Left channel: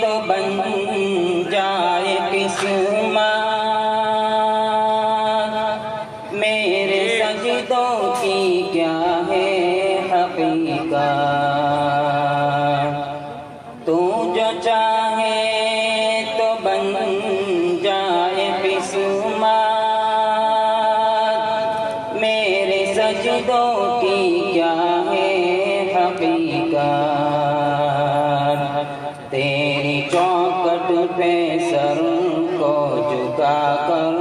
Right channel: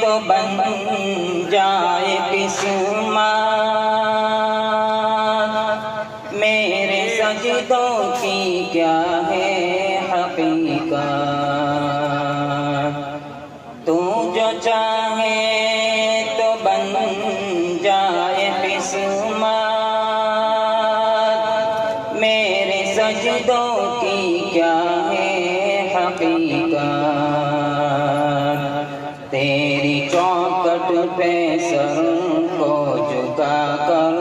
تو بن جائے قسمت میرے سجدوں کی کیا ہے حقیقت تو جو چاہے تو بن جائے قسمت میرے سجدوں کی کیا ہے حقیقت تیری چوکٹ پہ سر کو جھکا کر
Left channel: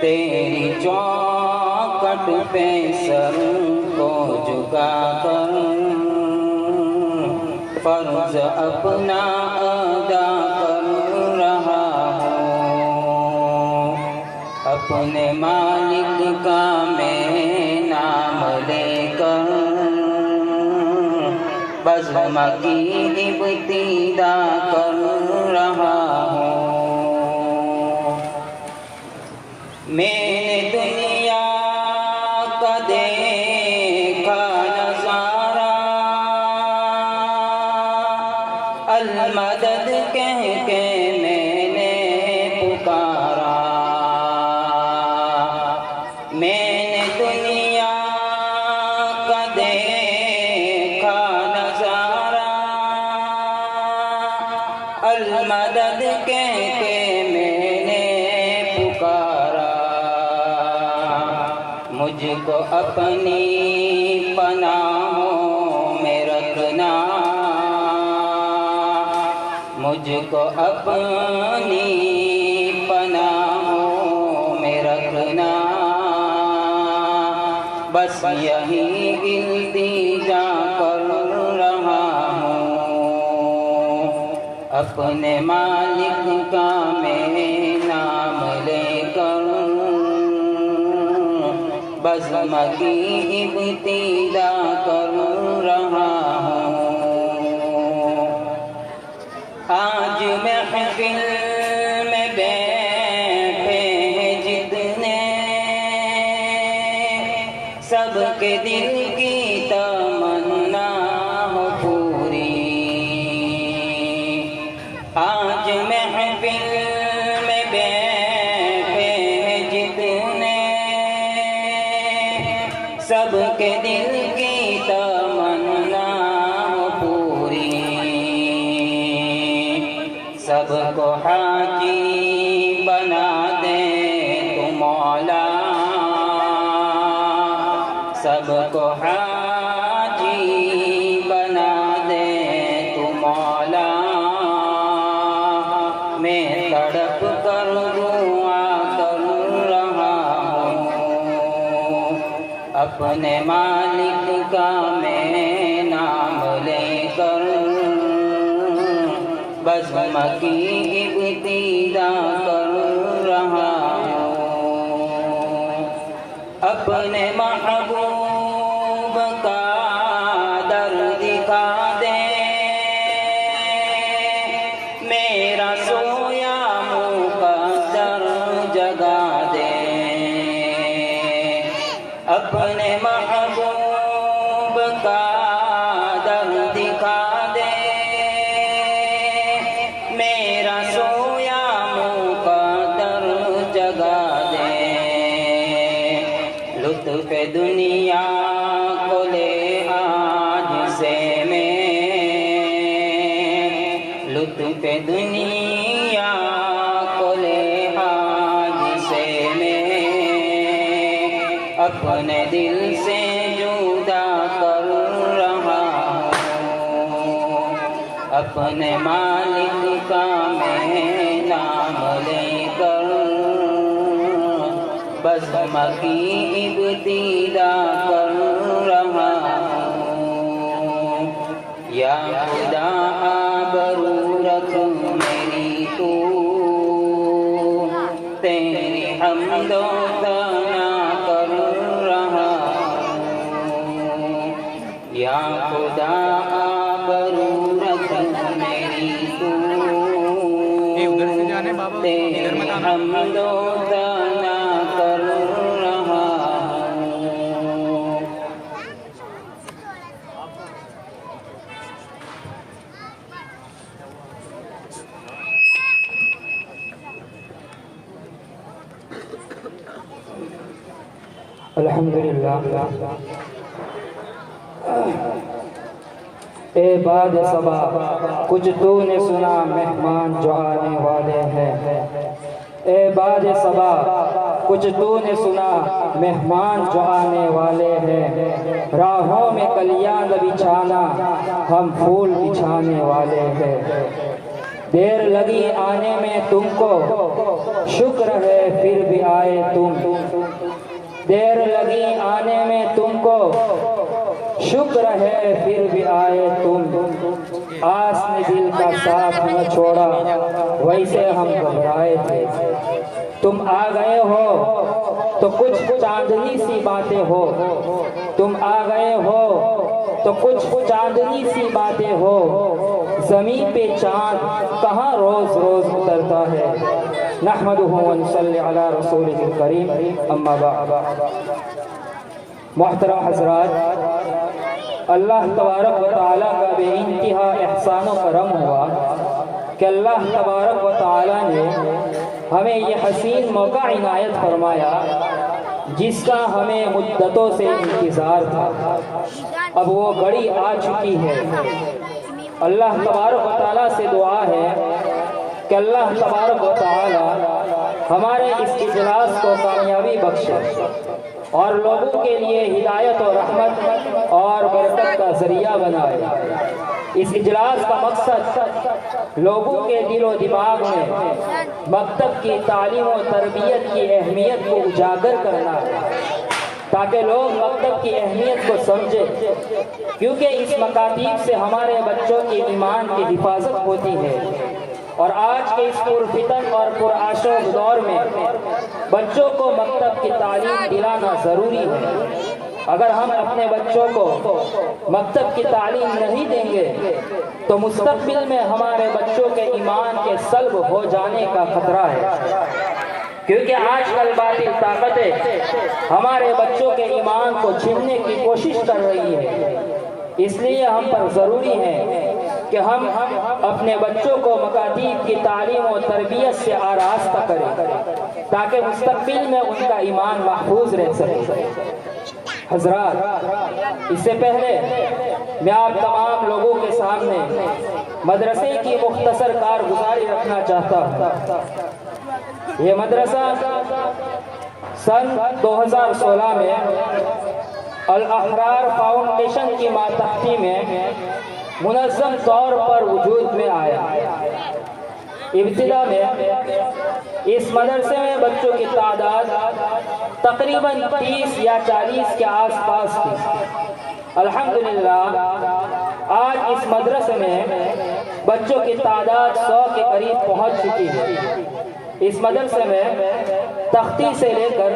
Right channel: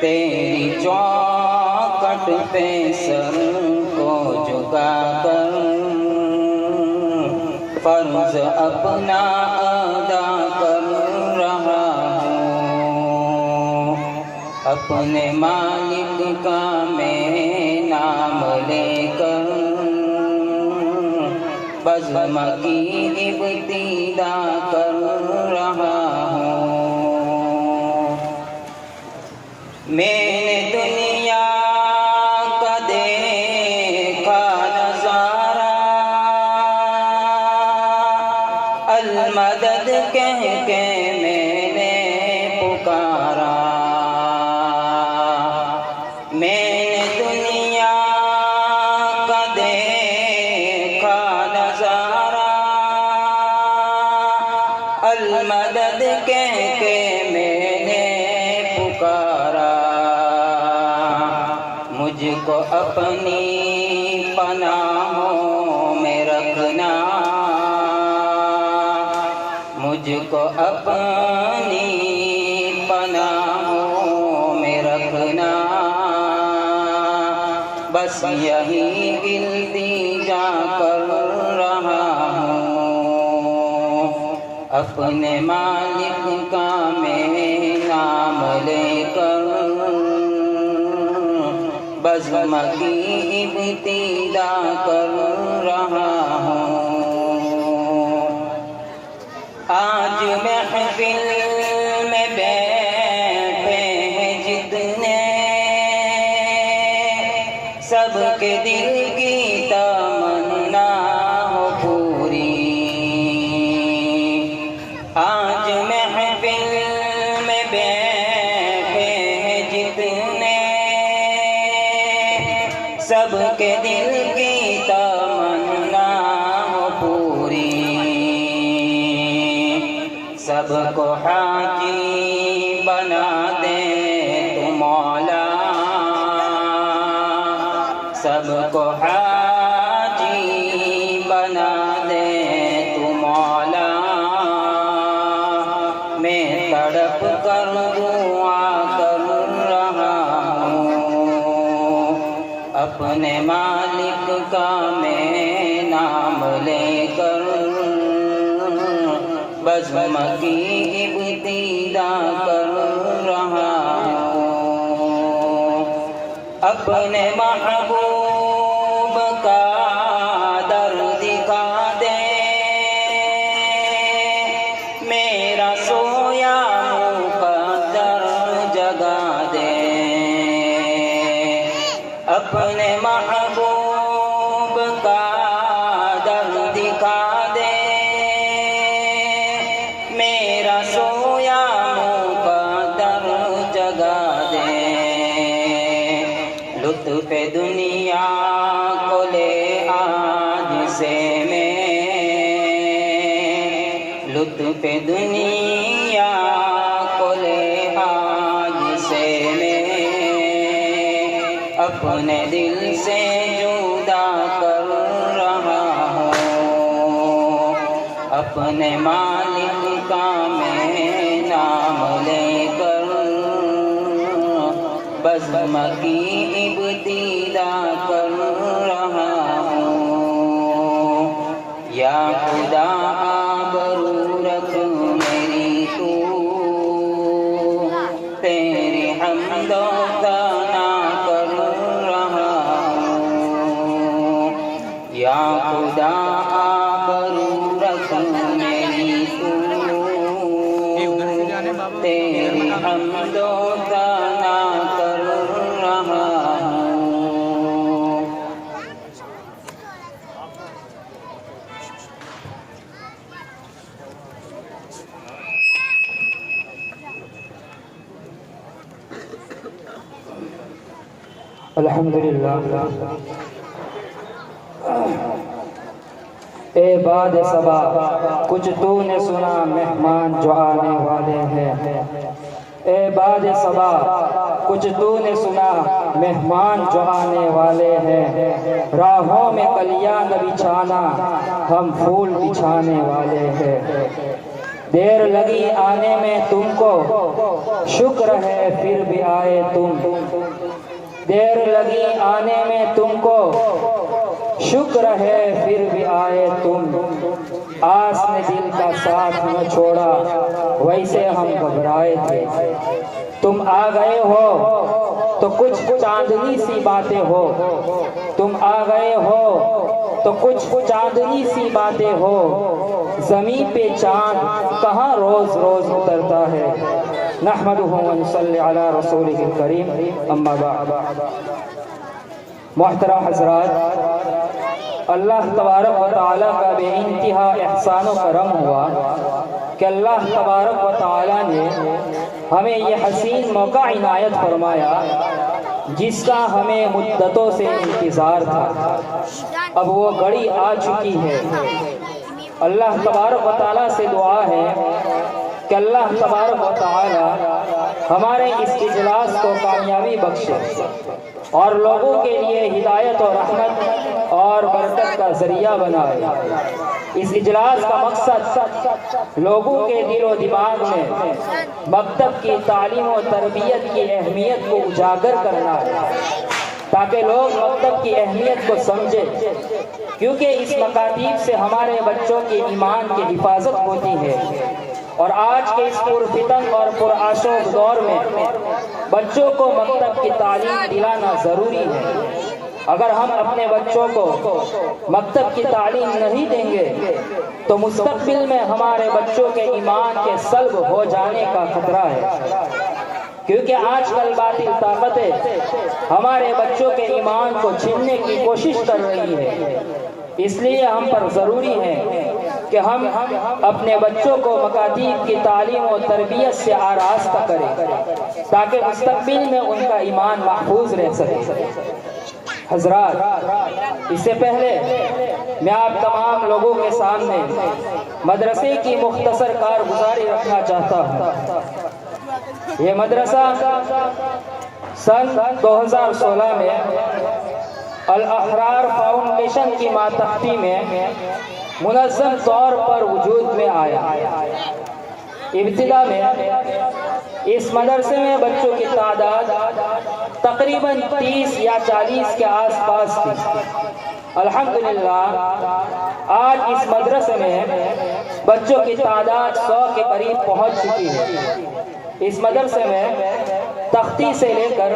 تیری چوکٹ پہ سر کو جھکا کر فرض اپنا ادا کر رہا ہوں اپنے مالک کا میں نام لے کر بزم کی ابتدا کر رہا ہوں میں نے دنیا کا دیکھا نظارہ المدد کہہ کے میں نے پکارا میں نے دنیا کا دیکھا نظارہ المدد کہہ کے میں نے پکارا مجھ کو اپنی پناہوں میں رکھنا مجھ کو اپنی پناہوں میں رکھنا بس یہی التجا کر رہا ہوں اپنے مالک کا میں نام لے کر بزم کی ابتدا کر رہا ہوں آج محفل میں بیٹھے ہیں جتنے سب کے دل کی تمنا ہو پوری آج محفل میں بیٹھے ہیں جتنے سب کے دل کی تمنا ہو پوری سب کو حاجی بنا دے تو مولا سب کو حاجی بنا دے تو مولا میں تڑپ کر دعا کر رہا ہوں اپنے مالک کا میں نام لے کر بزم کی ابتدا کر رہا ہوں اپنے محبوب کا در دکھا دے میرا سویا مقدر جگا دے اپنے محبوب کا در دکھا دے میرا سویا مقدر جگا دے لطف دنیا کو لے آج سے میں لطف دنیا کو لے آج سے میں اپنے دل سے جدا کر رہا ہوں اپنے مالک کا میں نام لے کر بزم کی ابتدا کر رہا ہوں یا خدا آبرو رکھ میری تو تیری حمد و ثنا کر رہا ہوں یا خدا آبرو رکھ میری تو تیری حمد و ثنا کر رہا ہوں الحمدللہ۔ اے باد صبا کچھ تو نے سنا مہمان جو آنے والے ہیں، اے باد صبا کچھ تو نے سنا مہمان جو آنے والے ہیں، راہوں میں کلیاں نہ بچھانا ہم پھول بچھانے والے ہیں، دیر لگی آنے میں تم کو شکر ہے پھر بھی آئے تم، دیر لگی آنے میں تم کو شکر ہے پھر بھی آئے تم، آس نے دل کا ساتھ نہ چھوڑا ویسے ہم گھبرائے تھے، تم آ گئے ہو تو کچھ چاندنی سی باتیں ہو، تم آ گئے ہو تو کچھ چاندنی سی باتیں ہو، زمین پہ چاند کہاں روز روز اترتا ہے، نحمدہ و نصلی علی رسولہ الکریم، اما بعد۔ محترم حضرات، اللہ تبارک و تعالیٰ کا بے انتہا احسان و کرم ہوا کہ اللہ تبارک و تعالیٰ نے ہمیں یہ حسین موقع عنایت فرمایا جس کا ہمیں مدتوں سے انتظار تھا، اب وہ گھڑی آ چکی ہے۔ اللہ تبارک و تعالیٰ سے دعا ہے کہ اللہ تبارک و تعالیٰ ہمارے اس اجلاس کو کامیابی بخشے اور لوگوں کے لیے ہدایت و رحمت اور برکت کا ذریعہ بنائے۔ اس اجلاس کا مقصد لوگوں کے دل و دماغ میں مکتب کی تعلیم و تربیت کی اہمیت کو اجاگر کرنا ہے تاکہ لوگ مکتب کی اہمیت کو سمجھیں، کیونکہ اس مکاتیب سے ہمارے بچوں کے ایمان کی حفاظت ہوتی ہے، اور آج کے اس پرفتن اور پرآشوب دور میں بچوں کو مکتب کی تعلیم دلانا ضروری ہے۔ اگر ہم اپنے بچوں کو مکتب کی تعلیم نہیں دیں گے تو مستقبل میں ہمارے بچوں کے ایمان کے سلب ہو جانے کا خطرہ ہے، کیونکہ آج کل باطل طاقتیں ہمارے بچوں کے ایمان کو چھیننے کی کوشش کر رہی ہے، اس لیے ہم پر ضروری ہے کہ ہم اپنے بچوں کو مکاتیب کی تعلیم و تربیت سے آراستہ کریں تاکہ مستقبل میں ان کا ایمان محفوظ رہ سکے۔ حضرات، اس سے پہلے میں آپ تمام لوگوں کے سامنے مدرسے کی مختصر کارگزاری رکھنا چاہتا ہوں۔ یہ مدرسہ سن 2016 میں الاحرار فاؤنڈیشن کی ماتحتی میں منظم طور پر وجود میں آیا۔ ابتدا میں اس مدرسے میں بچوں کی تعداد تقریباً 30 یا 40 کے آس پاس تھی۔ الحمدللہ آج اس مدرسے میں بچوں کی تعداد 100 کے قریب پہنچ چکی ہے۔ اس مدرسے میں تختی سے لے کر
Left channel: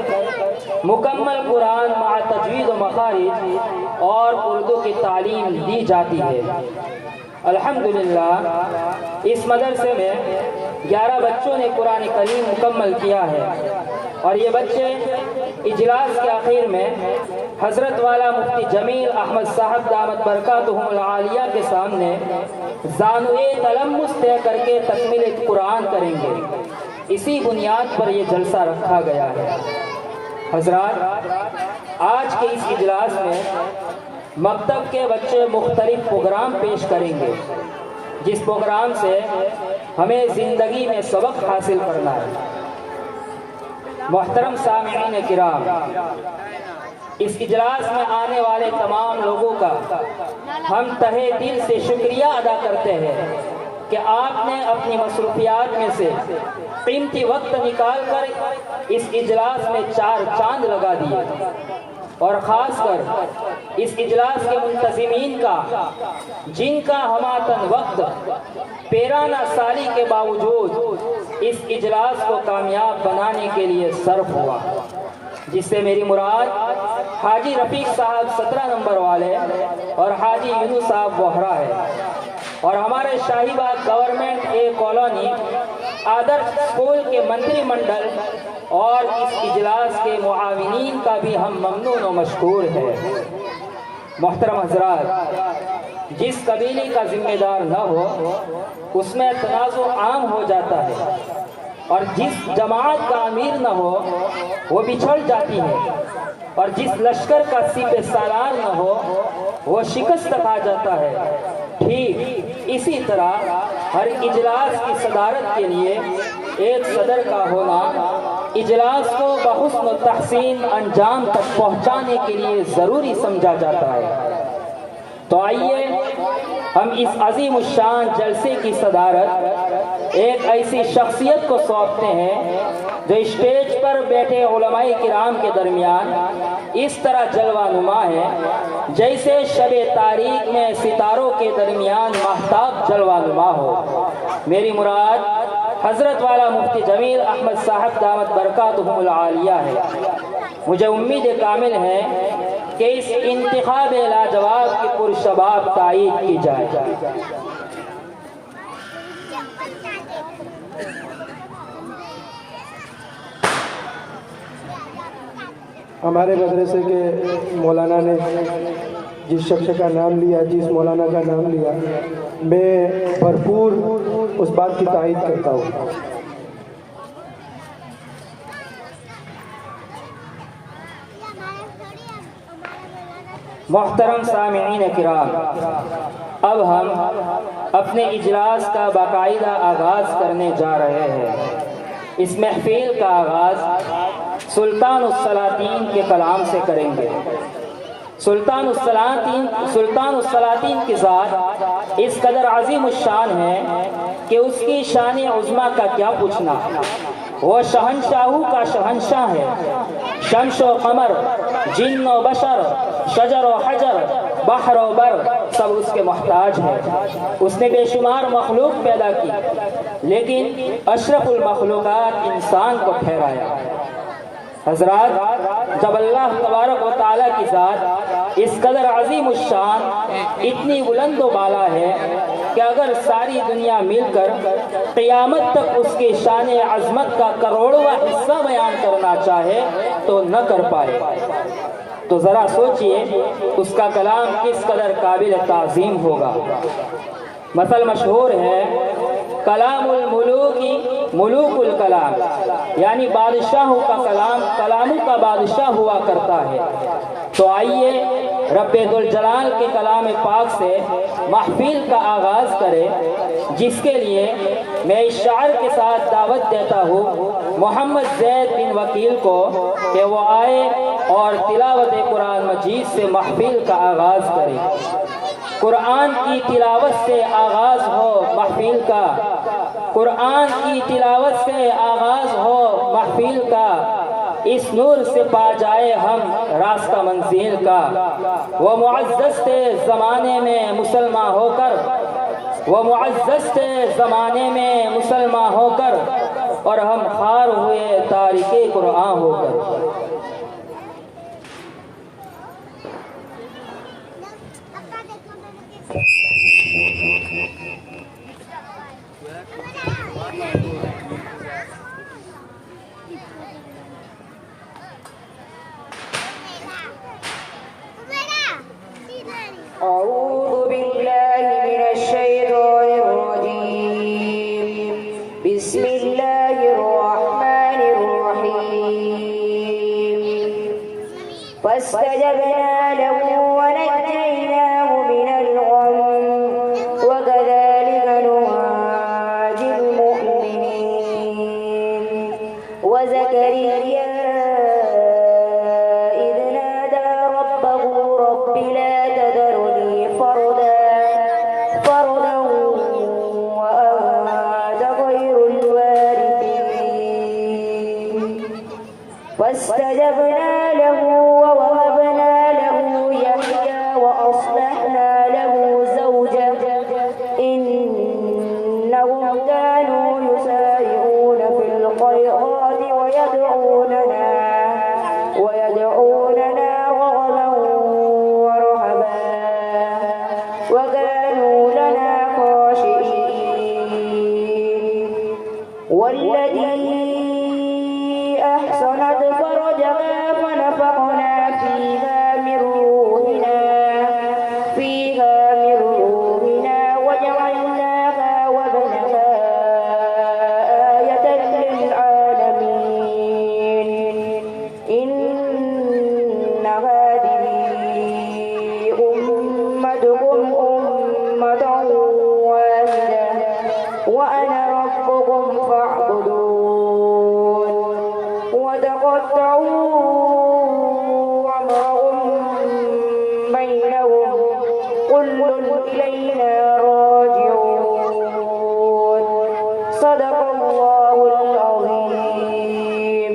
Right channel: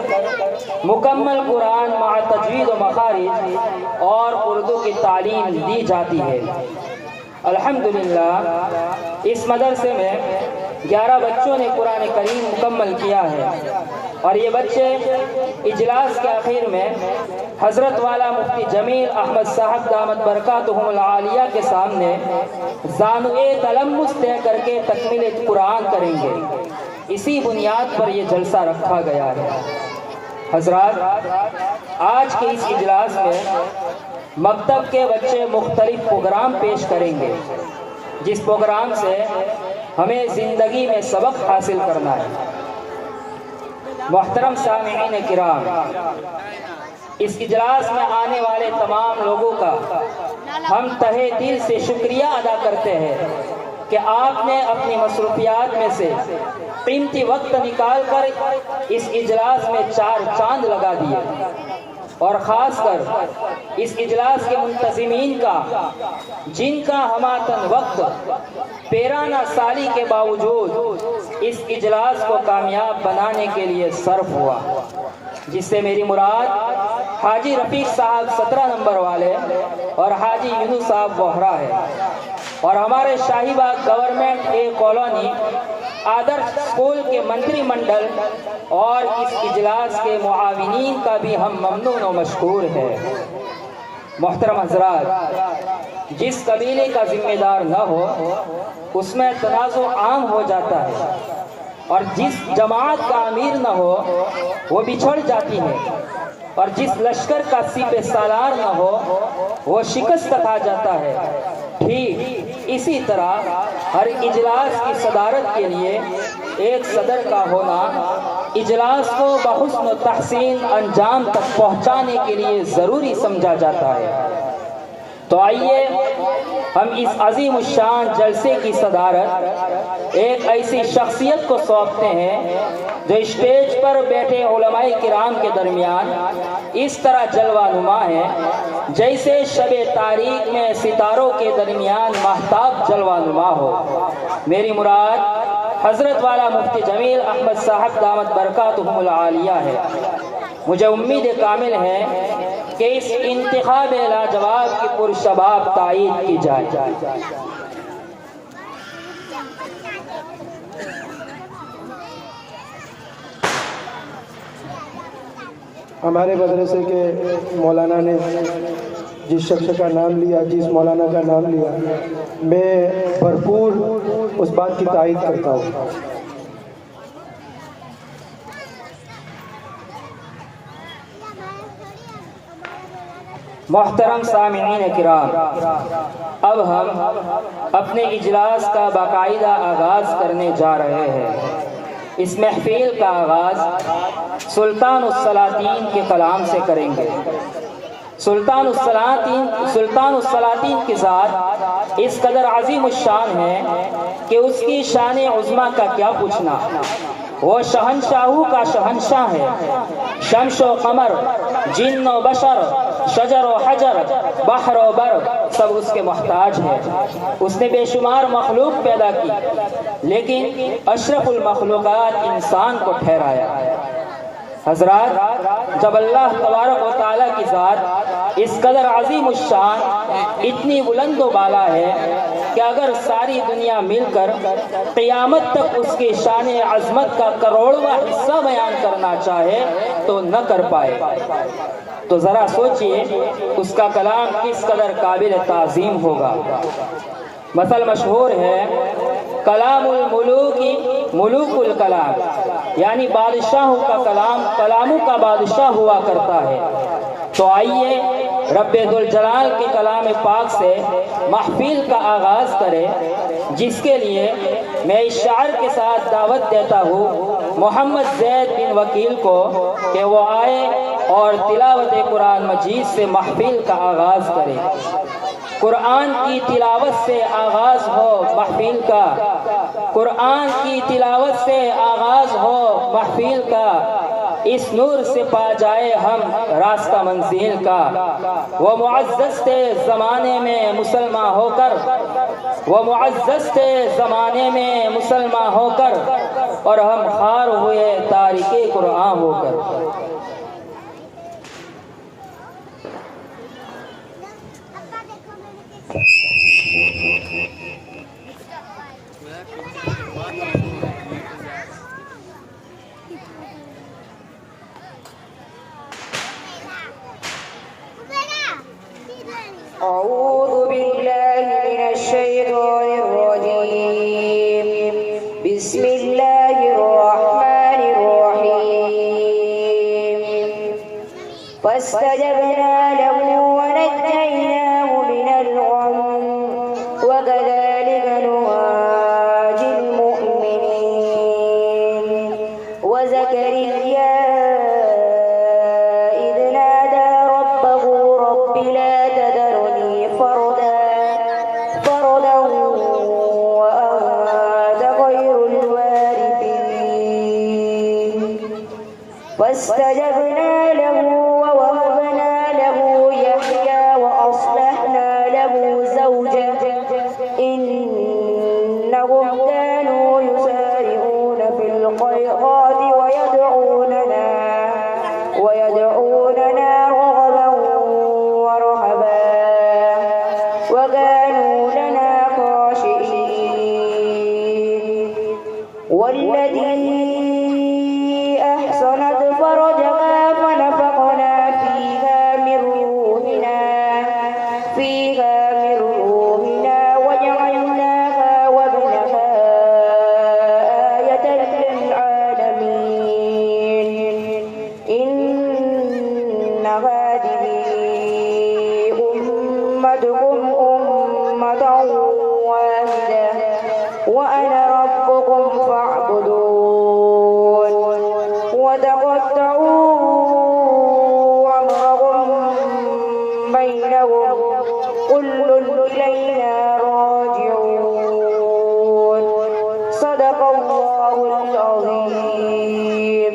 مکمل قرآن مع تجوید و مخارج اور اردو کی تعلیم دی جاتی ہے۔ الحمدللہ اس مدرسے میں 11 بچوں نے قرآن کریم مکمل کیا ہے، اور یہ بچے اجلاس کے آخر میں حضرت والا مفتی جمیل احمد صاحب دامت برکاتہم العالیہ کے سامنے زانوئے تلمس طے کر کے تکمیل قرآن کریں گے۔ اسی بنیاد پر یہ جلسہ رکھا گیا ہے۔ حضرات، آج کے اس اجلاس میں مکتب کے بچے مختلف پروگرام پیش کریں گے، جس پروگرام سے ہمیں زندگی میں سبق حاصل کرنا ہے۔ محترم سامعین کرام، اس اجلاس میں آنے والے تمام لوگوں کا ہم تہہ دل سے شکریہ ادا کرتے ہیں کہ آپ نے اپنی مصروفیات میں سے قیمتی وقت نکال کر اس اجلاس میں 4 چاند لگا دیے، اور خاص کر اس اجلاس کے منتظمین کا، جن کا ہماتن وقت پیرانہ سالی کے باوجود اس اجلاس کو کامیاب بنانے کے لیے صرف ہوا، جس سے میری مراد حاجی رفیق صاحب 17 نمبر والے اور حاجی یونس صاحب بوہرا ہے، اور ہمارے شاہی باغ government a colony Adarsh school کے منتری منڈل اور اس اجلاس کے معاونین کا بھی ہم ممنون و مشکور ہیں۔ محترم حضرات، جس قبیلے کا ذمہ دار نہ ہو اس میں تنازع عام ہو جاتا ہے، اور جس جماعت کا امیر نہ ہو وہ بچھڑ جاتی ہے۔ اور جس لشکر کا سپہ سالار نہ ہو وہ شکست کھا جاتا ہے، ٹھیک اسی طرح ہر اجلاس کی صدارت کے لیے ایک صدر کا ہونا اجلاس کو بحسن و تحسین انجام تک پہنچانے کے لیے ضروری سمجھا جاتا ہے۔ تو آئیے ہم اس عظیم الشان جلسے کی صدارت ایک ایسی شخصیت کو سونپتے ہیں جو اسٹیج پر بیٹھے علماء کرام کے درمیان اس طرح جلوہ نما ہے جیسے شب تاریک میں ستاروں کے درمیان ماہتاب جلوہ نما ہو۔ میری مراد حضرت والا مفتی جمیل احمد صاحب دامت برکاتہم العالیہ ہے۔ مجھے امید کامل ہے کہ اس انتخاب لاجواب کی پرشباب تائید کی جائے۔ ہمارے مدرسے کے مولانا نے جس شخص کا نام لیا، جس مولانا کا نام لیا، میں بھرپور اس بات کی تائید کرتا ہوں۔ محترم سامعین کرام، اب ہم اپنے اجلاس کا باقاعدہ آغاز کرنے جا رہے ہیں۔ اس محفل کا آغاز سلطان السلاطین کے کلام سے کریں گے۔ سلطان السلاطین کی ذات اس قدر عظیم الشان ہے کہ اس کی شان عظمیٰ کا کیا پوچھنا۔ وہ شہنشاہوں کا شہنشاہ ہے۔ شمس و قمر، جن و بشر، شجر و حجر، بحر و بر سب اس کے محتاج ہیں۔ اس نے بے شمار مخلوق پیدا کی لیکن اشرف المخلوقات انسان کو ٹھہرایا۔ حضرات، جب اللہ تبارک و تعالیٰ کی ذات اس قدر عظیم الشان، اتنی بلند و بالا ہے کہ اگر ساری دنیا مل کر قیامت تک اس کی شان عظمت کا کروڑواں حصہ بیان کرنا چاہے تو نہ کر پائے، تو ذرا سوچئے اس کا کلام کس قدر قابل تعظیم ہوگا۔ مثل مشہور ہے، کلام الملوک ملوک الکلام، یعنی بادشاہوں کا کلام کلاموں کا بادشاہ ہوا کرتا ہے۔ تو آئیے رب ذوالجلال کے کلام پاک سے محفل کا آغاز کرے، جس کے لیے میں اس شاعر کے ساتھ دعوت دیتا ہوں محمد زید بن وکیل کو کہ وہ آئے اور تلاوت قرآن مجید سے محفل کا آغاز کرے۔ قرآن کی تلاوت سے آغاز ہو محفل کا، قرآن کی تلاوت سے آغاز ہو محفل کا، اس نور سے پا جائے ہم راستہ منزل کا۔ وہ معزز تھے زمانے میں مسلمان ہو کر، وہ معزز تھے زمانے میں مسلمان ہو کر، اور ہم خوار ہوئے تارک قرآن ہو کر۔ أعوذ بالله من الشيطان الرجيم، بسم الله الرحمن الرحيم۔ وأنا ربكم فاعبدون وتقطعوا أمرهم بينهم كل إلينا راجعون صدق الله العظيم.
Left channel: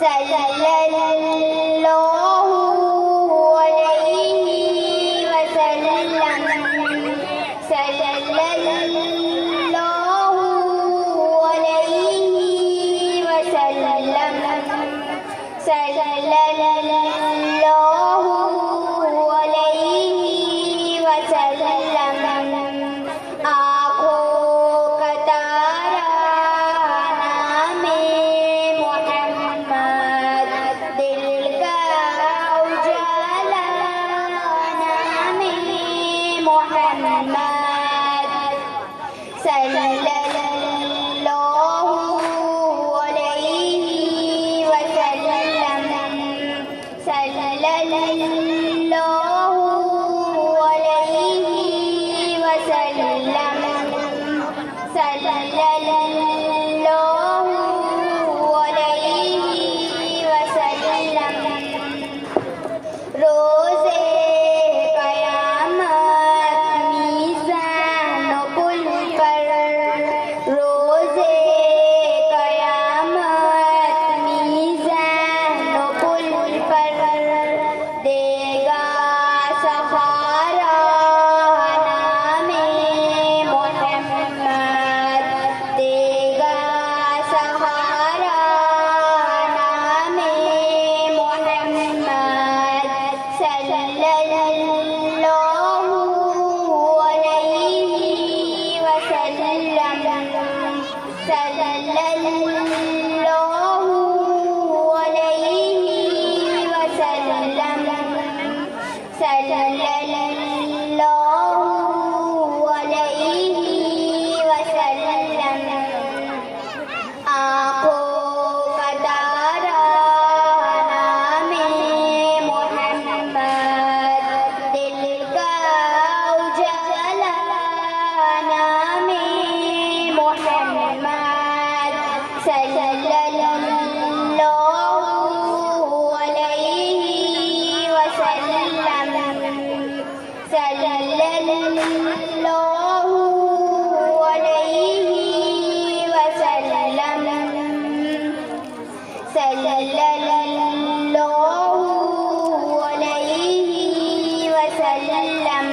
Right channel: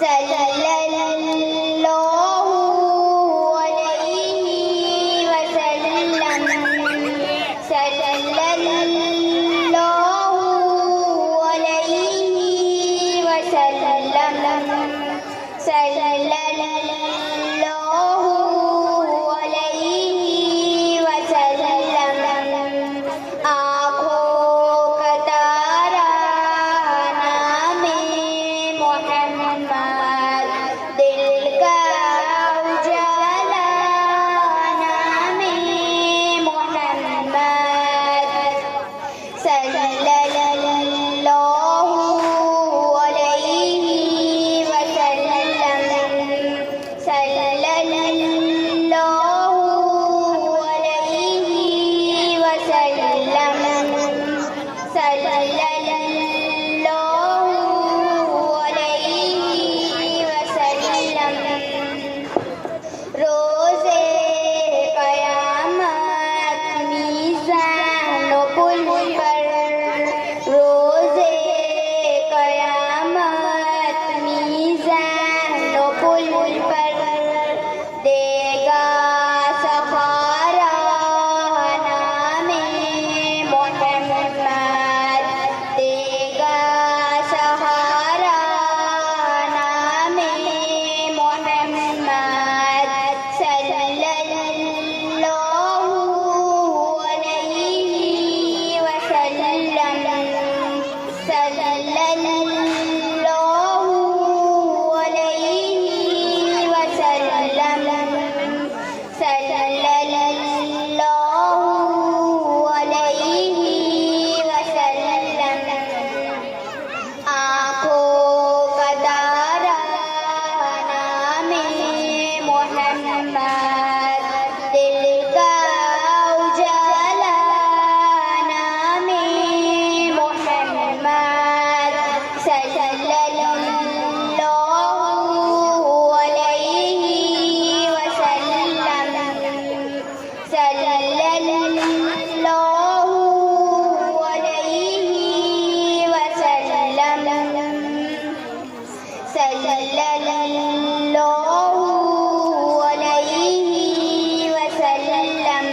صلی اللہ علیہ وسلم صلی اللہ علیہ وسلم صلی اللہ علیہ وسلم آنکھوں کا تارا نام محمد دل کا اجالا نام محمد صلی اللہ علیہ وسلم صلی اللہ علیہ وسلم صلی اللہ علیہ وسلم روزے قیامت میزان و پل پر روزے قیامت میزان و پل پر دے گا سہارا نام محمد دے گا سہارا نام محمد صلی اللہ علیہ وسلم صلی اللہ علیہ وسلم صلی اللہ علیہ وسلم آنکھوں کا تارا نام محمد دل کا اجالا نام محمد صلی اللہ علیہ وسلم صلی اللہ علیہ وسلم صلی اللہ علیہ وسلم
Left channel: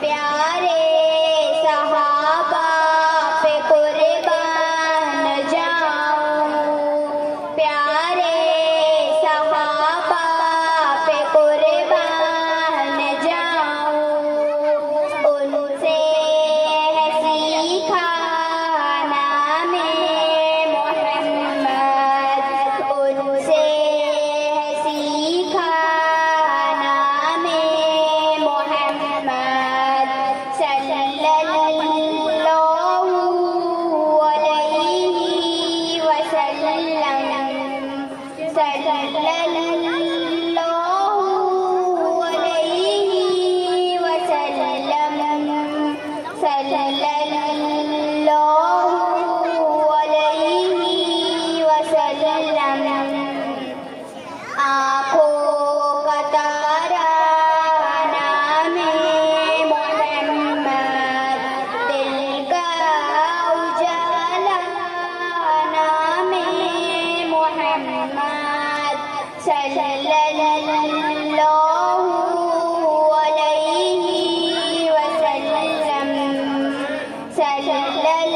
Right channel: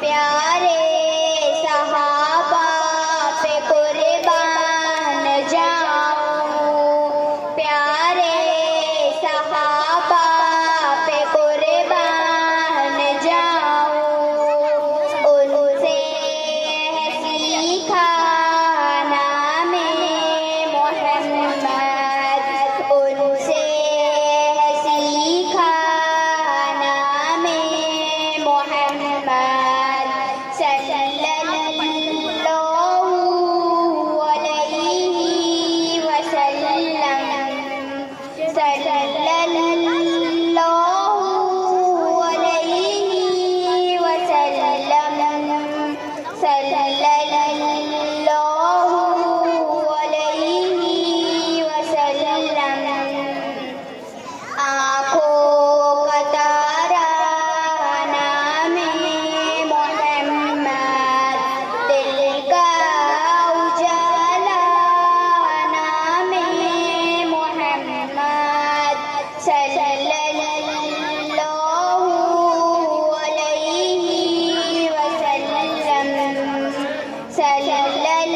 پیارے صحابہ پہ قربان جاؤں پیارے صحابہ پہ قربان جاؤں ان سے ہے سیکھا نام محمد ان سے ہے سیکھا نام محمد صلی اللہ علیہ وسلم صلی اللہ علیہ وسلم صلی اللہ علیہ وسلم آنکھوں کا تارا نام محمد دل کا اجالا نام محمد صلی اللہ علیہ وسلم صلی اللہ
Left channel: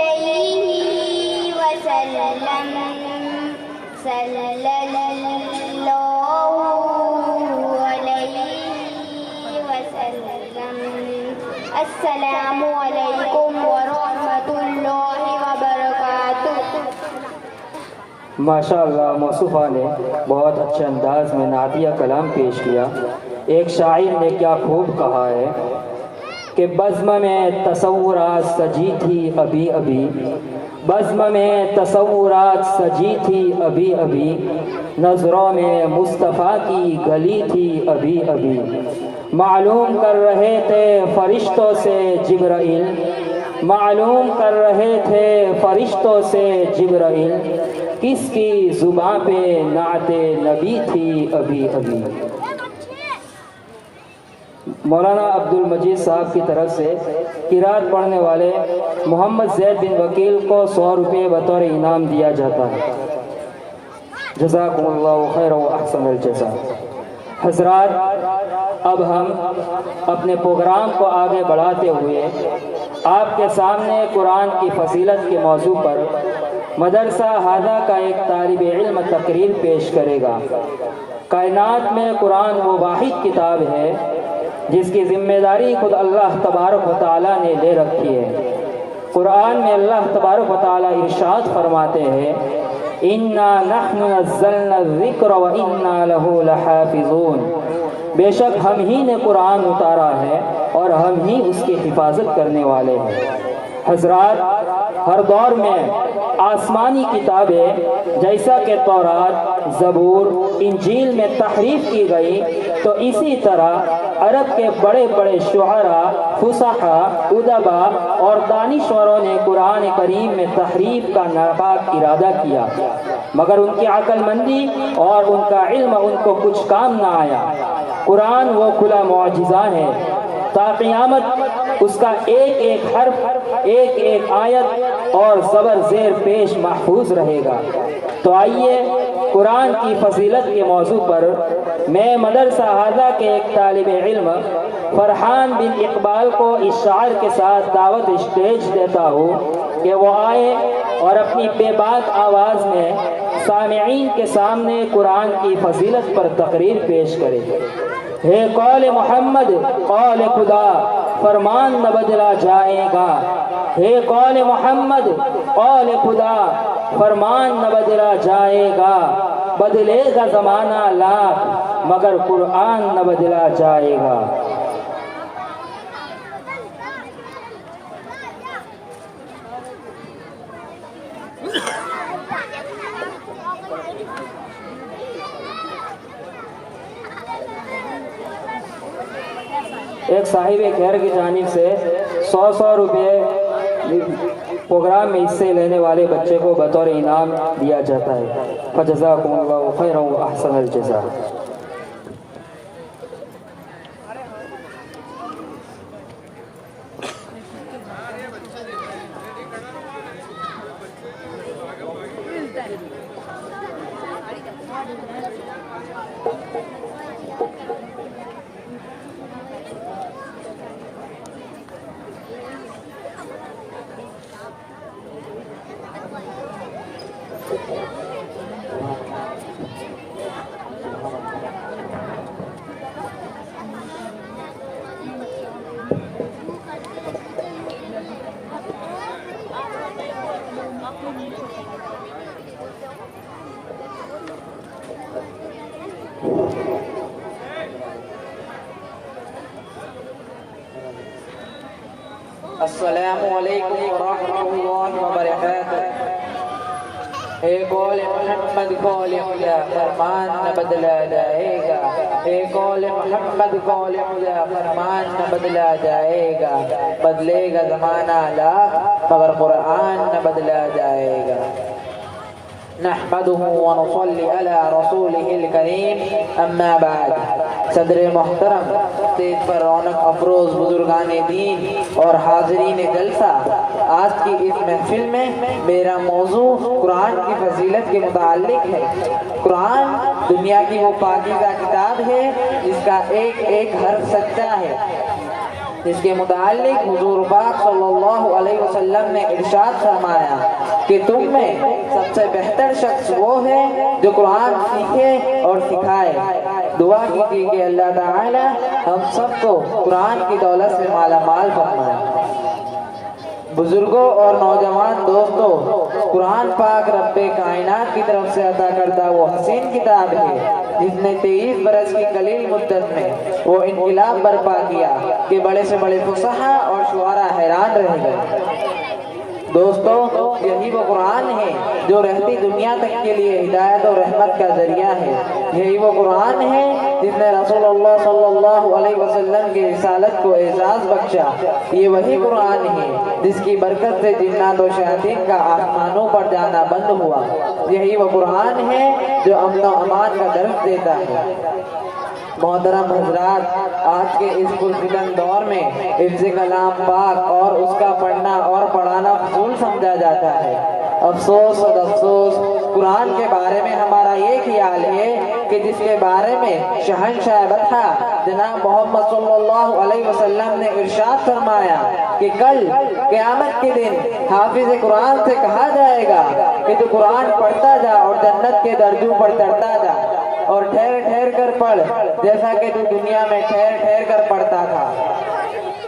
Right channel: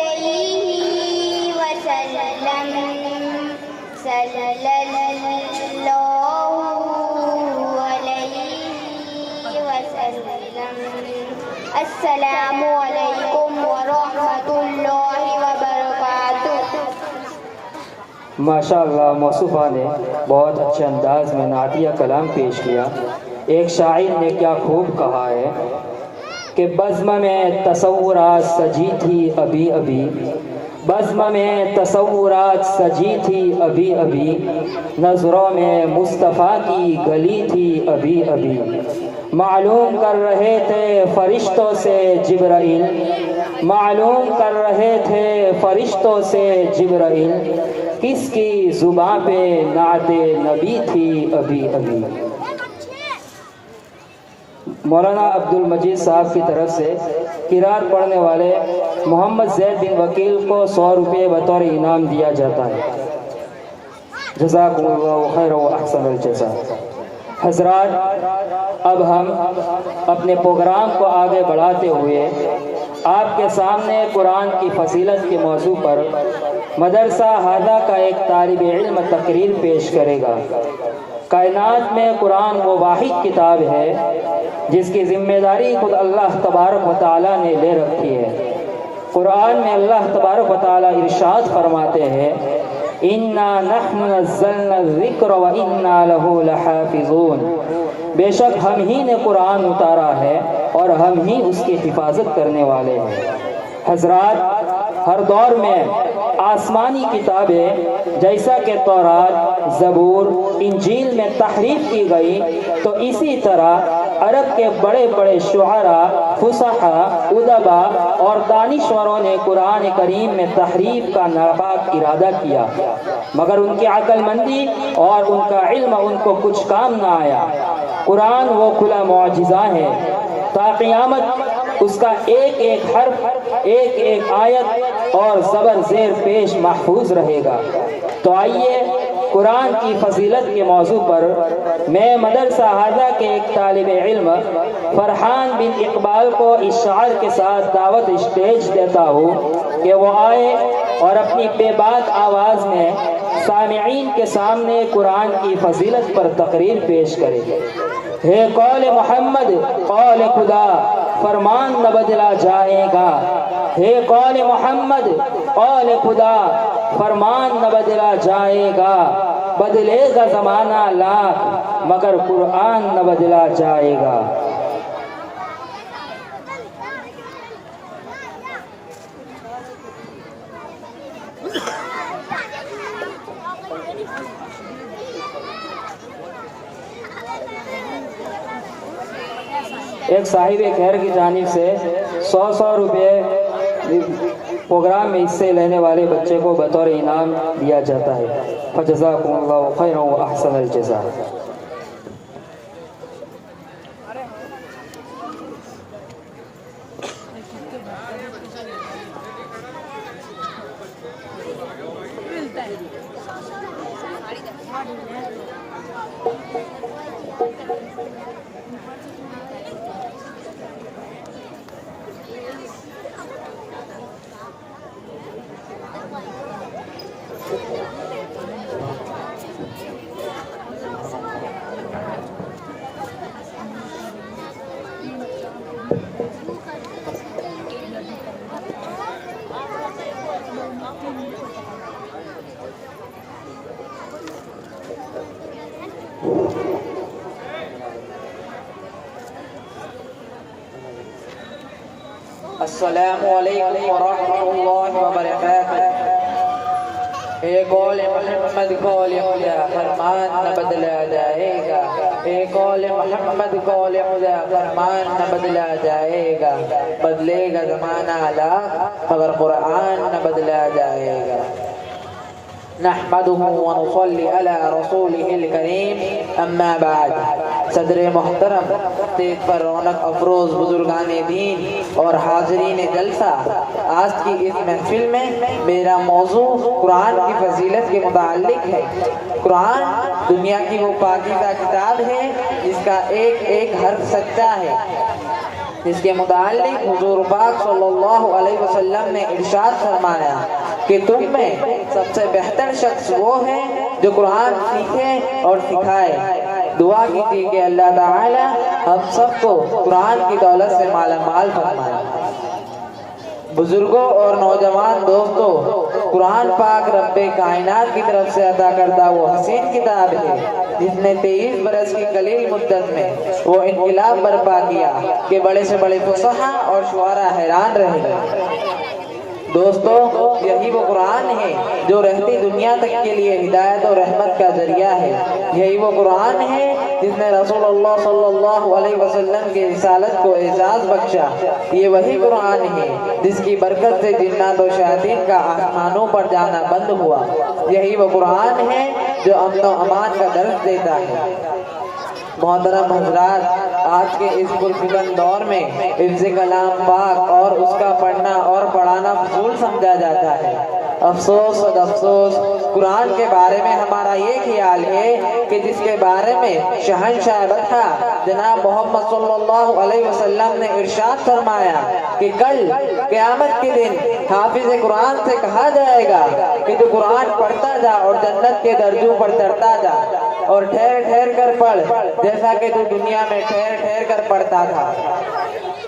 علیہ وسلم صلی اللہ علیہ وسلم السلام علیکم ورحمۃ اللہ وبرکاتہ۔ ماشاءاللہ موصوفہ نے بہت اچھے انداز میں نعتیہ کلام پیش کیا۔ ایک شاعر نے کیا خوب کہا ہے کہ بزم میں تصورات سجی تھی ابھی ابھی بزم میں تصورات سجی تھی ابھی ابھی نظروں میں مصطفیٰ کی گلی تھی ابھی ابھی معلوم کر رہے تھے فرشتوں سے جبرائیل معلوم کر رہے تھے فرشتوں سے جبرائیل کس کی زباں پہ نعت نبی تھی ابھی ابھی۔ مولانا عبد المجید صاحب کی طرف سے قرات پڑھنے والے محمد زید بن وکیل کو 100 روپے بطور انعام دیا جاتا ہے۔ جزاکم اللہ خیر و احسن الجزاء۔ حضرات، اب ہم اپنے پروگرام کو آگے بڑھاتے ہوئے آپ کے سامنے قرآن کی فضیلت کے موضوع پر مدرسہ ہادہ کا ایک طالب علم تقریر پیش کرے گا۔ کائنات میں قرآن وہ واحد کتاب ہے جس کی ذمہ داری خود اللہ تبارک و تعالیٰ نے لے رکھی ہے۔ قرآن میں اللہ تبارک و تعالیٰ ارشاد فرماتے ہیں اِنَّا نَحْنُ نَزَّلْنَا الذِّكْرَ وَإِنَّا لَهُ لَحَافِظُونَ، بے شک ہم ہی نے قرآن اتارا ہے اور ہم ہی اس کی حفاظت کرنے والے ہیں۔ حضرات، ہر دور میں آسمانی کتابیں جیسا کہ تورات، زبور، انجیل میں تحریف کی گئی، تو اسی طرح عرب کے بڑے بڑے شعراء، فصحاء، ادباء اور دانشوروں نے قرآن کریم میں تحریف کا ناپاک ارادہ کیا، مگر ان کی عقل مندی اور ان کا علم ان کو کچھ کام نہ آیا۔ قرآن وہ کھلا معجزہ ہے، تا قیامت اس کا ایک ایک حرف، ایک ایک آیت اور زبر زیر پیش محفوظ رہے گا۔ تو آئیے قرآن کی فضیلت کے موضوع پر میں مدرسہ ہادہ کے ایک طالب علم فرحان بن اقبال کو اس شعر کے ساتھ دعوت اسٹیج دیتا ہوں کہ وہ آئے اور اپنی بے بات آواز میں سامعین کے سامنے قرآن کی فضیلت پر تقریر پیش کرے۔ ہے قول محمد قول خدا، فرمان نہ بدلا جائے گا۔ ہے قول محمد قول خدا، فرمان نہ بدلا جائے گا۔ بدلے گا زمانہ لاکھ مگر قرآن نہ بدلا جائے گا۔ ایک صاحب خیر کی جانب سے 100 روپے پروگرام میں حصے لینے والے بچے کو بطور انعام دیا جاتا ہے۔ فجزاکم اللہ خیرا و احسن الجزاء۔ السلام علیکم ورحمۃ اللہ وبرکاتہ۔ اے قول محمد قول خدا، فرمان نہ بدلا جائے گا۔ اے قول محمد قول خدا، فرمان نہ بدلا جائے گا۔ بدلے گا زمانہ لاکھ مگر قرآن نہ بدلا جائے گا۔ نحمده ونصلي على رسوله الكريم، اما بعد۔ صدر محترم، تیز پر رونق افروز بزرگان دین اور حاضرین جلسہ، آج کی اس محفل میں میرا موضوع قرآن کی فضیلت کے متعلق ہے۔ قرآن دنیا کی وہ پاکیزہ کتاب ہے جس کا ایک ایک حرف سچا ہے، جس کے متعلق حضور پاک صلی اللہ علیہ وسلم نے ارشاد فرمایا کہ تم میں سب سے بہتر شخص وہ ہے جو قرآن سیکھے اور سکھائے۔ دعا کیجیے کہ اللہ تعالی ہم سب کو قرآن کی دولت سے مالا مال فرمائے۔ بزرگوں اور نوجوان دوستوں، قرآن پاک رب کائنات کی طرف سے عطا کردہ وہ حسین کتاب ہے جس نے 23 برس کی قلیل مدت میں وہ انقلاب برپا کیا کہ بڑے سے بڑے فصحاء اور شعراء حیران رہ گئے۔ دوستو، یہی وہ قرآن ہے جو رہتی دنیا تک کے لیے ہدایت اور رحمت کا ذریعہ ہے۔ یہی وہ قرآن ہے جس نے رسول اللہ صلی اللہ علیہ وسلم کی رسالت کو اعزاز بخشا۔ یہ وہی قرآن ہے جس کی برکت سے جنات و شیاطین کا آسمانوں پر جانا بند ہوا۔ یہی وہ قرآن ہے جو امن و امان کا درس دیتا ہے۔ محترم حضرات، آج کے اس پرفتن دور میں حفظ کلام پاک اور اس کا پڑھنا اور پڑھانا فضول سمجھا جاتا ہے۔ افسوس اور افسوس، قرآن کے بارے میں ہمارا یہ خیال ہے کہ جس کے بارے میں شہنشاہ بطحہ جناب محمد صلی اللہ علیہ وسلم نے ارشاد فرمایا کہ کل قیامت کے دن حافظ قرآن سے کہا جائے گا کہ تو قرآن پڑھتا جا اور جنت کے درجوں پر چڑھتا جا اور ٹھہر ٹھہر کر پڑھ جیسا کہ تو دنیا میں ٹھہر ٹھہر کر پڑھتا تھا۔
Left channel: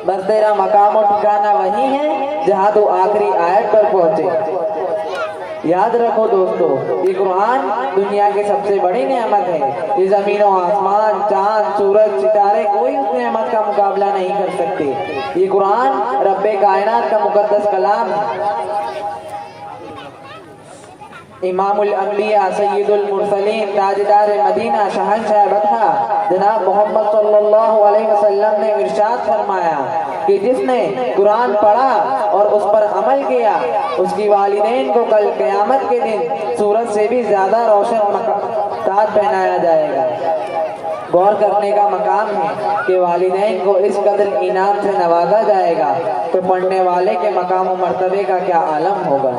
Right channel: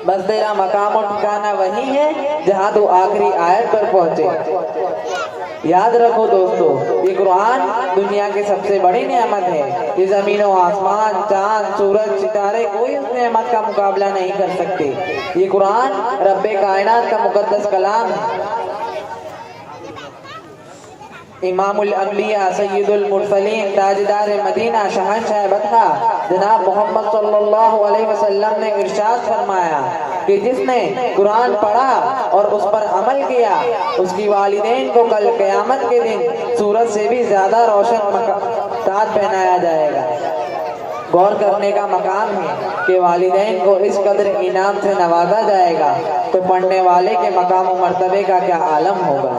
بس تیرا مقام و ٹھکانہ وہی ہے جہاں تو آخری آیت پر پہنچے۔ یاد رکھو دوستو، یہ قرآن دنیا کی سب سے بڑی نعمت ہے۔ یہ زمین و آسمان، چاند، سورج، ستارے کوئی اس نعمت کا مقابلہ نہیں کر سکتے۔ یہ قرآن رب کائنات کا مقدس کلام ہے۔ امام الانبیاء سید المرسلین تاجدار مدینہ شہنشاہ بطحہ جناب محمد صلی اللہ علیہ وسلم نے ارشاد فرمایا کہ جس نے قرآن پڑھا اور اس پر عمل کیا اس کی والدین کو کل قیامت کے دن سورج سے بھی زیادہ روشن تاج پہنایا جائے گا۔ غور کرنے کا مقام ہے کہ والدین کو اس قدر انعام سے نوازا جائے گا تو پڑھنے والے کے مقام و مرتبے کا کیا عالم ہوگا۔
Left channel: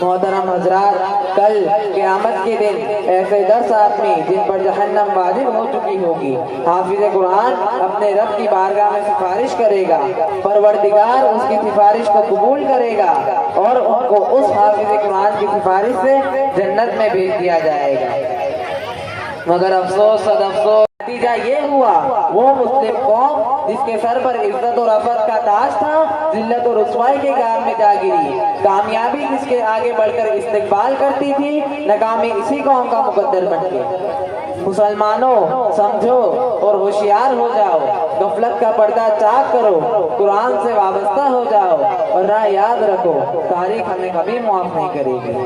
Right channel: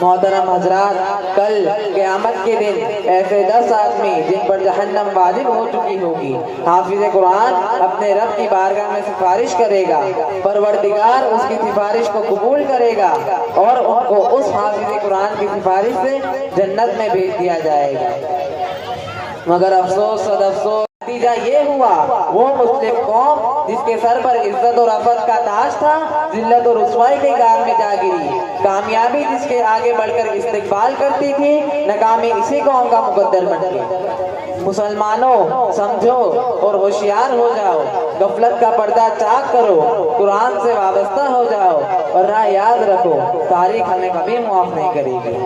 محترم حضرات، کل قیامت کے دن ایسے 10 آدمی جن پر جہنم واجب ہو چکی ہوگی، حافظ قرآن اپنے رب کی بارگاہ میں سفارش کرے گا، پروردگار اس کی سفارش کو قبول کرے گا اور ان کو اس حافظ قرآن کی سفارش سے جنت میں بھیج دیا جائے گا۔ مگر افسوس صد افسوس، نتیجہ یہ ہوا وہ مسلم قوم جس کے سر پر عزت و رفعت کا تاج تھا، ذلت و رسوائی کے گار میں جا گری۔ کامیابی جس کے آگے بڑھ کر استقبال کرتی تھی، ناکامی اسی قوم کا مقدر بن گئی۔ مسلمانوں سمجھو اور ہوشیار ہو جاؤ، غفلت کا پردہ چاک کرو، قرآن سے وابستہ ہو جاؤ اور راہ یاد رکھو، تاریخ ہمیں کبھی معاف نہیں کرے گی۔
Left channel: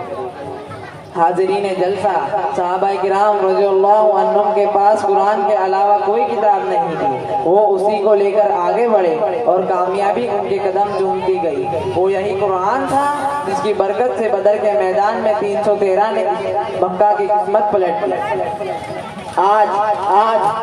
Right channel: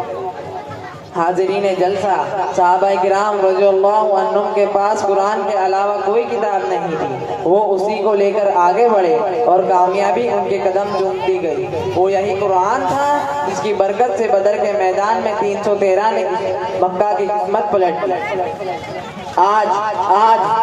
حاضرین جلسہ، صحابہ کرام رضی اللہ عنہم کے پاس قرآن کے علاوہ کوئی کتاب نہیں تھی، وہ اسی کو لے کر آگے بڑھے اور کامیابی ان کے قدم چومتی گئی۔ وہ یہی قرآن تھا جس کی برکت سے بدر کے میدان میں 313 نے مکہ کی قسمت پلٹ دی۔ آج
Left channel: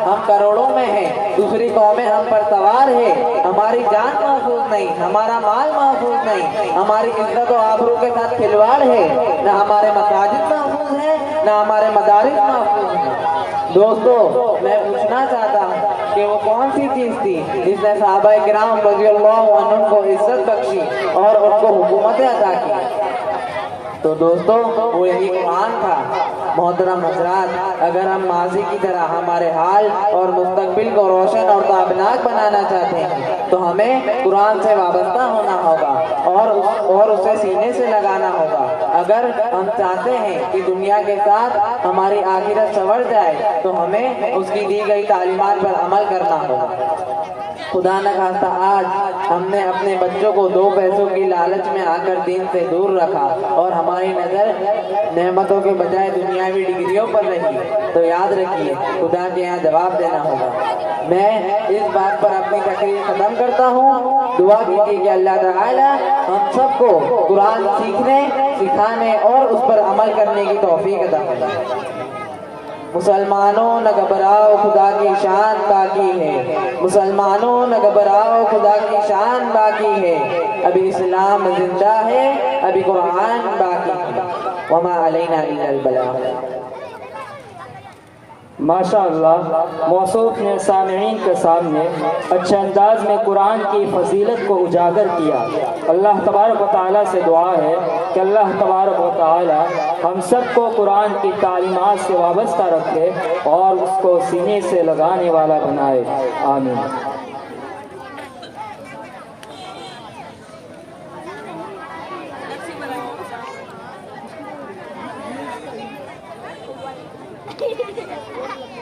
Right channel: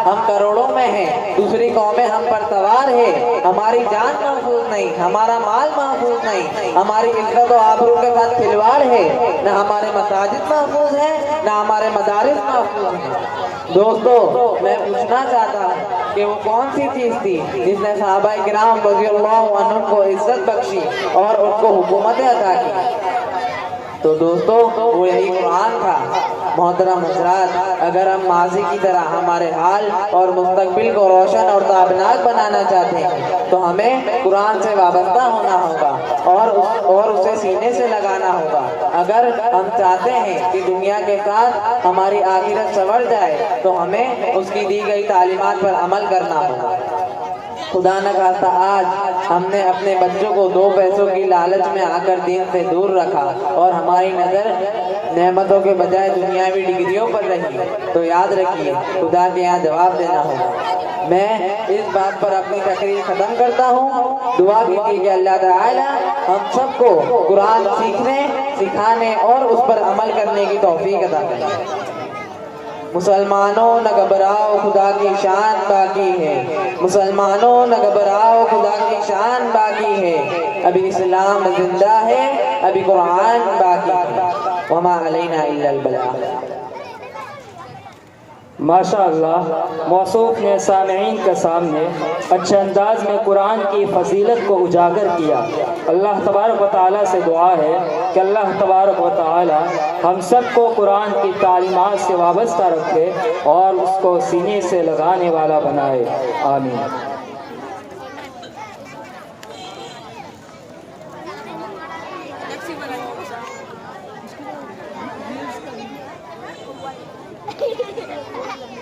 ہم کروڑوں میں ہیں، دوسری قومیں ہم پر سوار ہے، ہماری جان محفوظ نہیں، ہمارا مال محفوظ نہیں، ہماری عزت و آبرو کے ساتھ کھلواڑ ہے، نہ ہمارے مساجد محفوظ ہیں نہ ہمارے مدارس محفوظ ہیں۔ دوستو، میں پوچھنا چاہتا ہوں کہ وہ کون سی چیز تھی جس نے صحابہ کرام رضی اللہ عنہم کو عزت بخشی اور ان کو حکومت عطا کی؟ تو دوستو، وہ یہی قرآن تھا۔ محترم حضرات، اگر ہم ماضی کی طرح ہمارے حال اور مستقبل کو روشن اور تابناک بنانا چاہتے ہیں تو ہمیں قرآن سے وابستہ ہونا ہوگا اور اسے سینے سے لگانا ہوگا۔ اگر ہم چاہتے ہیں کہ دنیا کے ساتھ ہماری آخرت سنور جائے تو ہمیں اس کی دی گئی تعلیمات پر عمل کرنا ہوگا۔ خدا نہ خواستہ آج ہم نے اپنے بچوں کو 2 پیسوں کی لالچ میں آ کر دین سے دور رکھا اور ہماری نظر نعمتوں کے بجائے دنیاوی ڈگریوں پر رہی، تو یاد رکھیے خدا کے یہاں جواب دینا ہوگا۔ میں اس بات پر اپنی تقریر ختم کرتا ہوں۔ دعا کیجیے کہ اللہ تعالی ہم سب کو قرآن سیکھنے، سکھانے اور اس پر عمل کرنے کی توفیق عطا کرے۔ مسلمانوں نہ گھبراؤ، خدا کی شان باقی ہے۔ مسلمانوں نہ گھبراؤ، خدا کی شان باقی ہے۔ ابھی اسلام زندہ ہے، ابھی قرآن باقی ہے۔ وما علینا الا البلاغ۔ ماشاء اللہ، موصوف نے سامعین کے سامنے اچھے انداز میں قرآن کی فضیلت کو اجاگر کیا۔ اللہ تبارک و تعالیٰ سے دعا ہے کہ اللہ تبارک و تعالیٰ ہم سب کو قرآن کی تعلیمات سے وابستہ رکھے اور اس کو سینے سے لگانے والا بنائے، آمین۔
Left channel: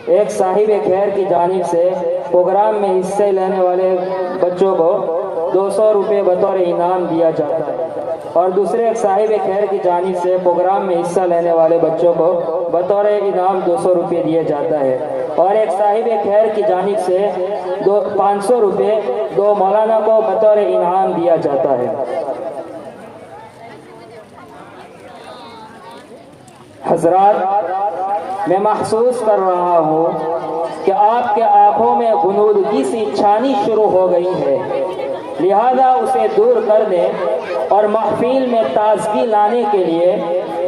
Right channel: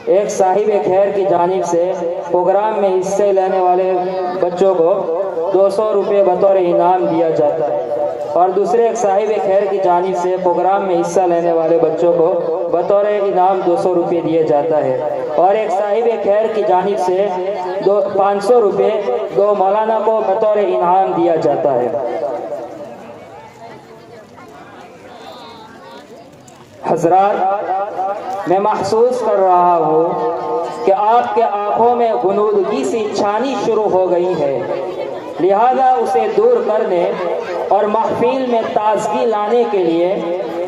ایک صاحب خیر کی جانب سے پروگرام میں حصے لینے والے بچوں کو 200 روپے بطور انعام دیا جاتا ہے، اور دوسرے ایک صاحب خیر کی جانب سے پروگرام میں حصہ لینے والے بچوں کو بطور انعام 200 روپے دیا جاتا ہے، اور ایک صاحب خیر کی جانب سے 500 روپے 2 مولانا کو بطور انعام دیا جاتا ہے۔ حضرات، میں محسوس کر رہا ہوں کہ آپ کے آنکھوں میں غنودگی سی چھانی شروع ہو گئی ہے، لہذا اسے دور کرنے اور محفل میں تازگی لانے کے لیے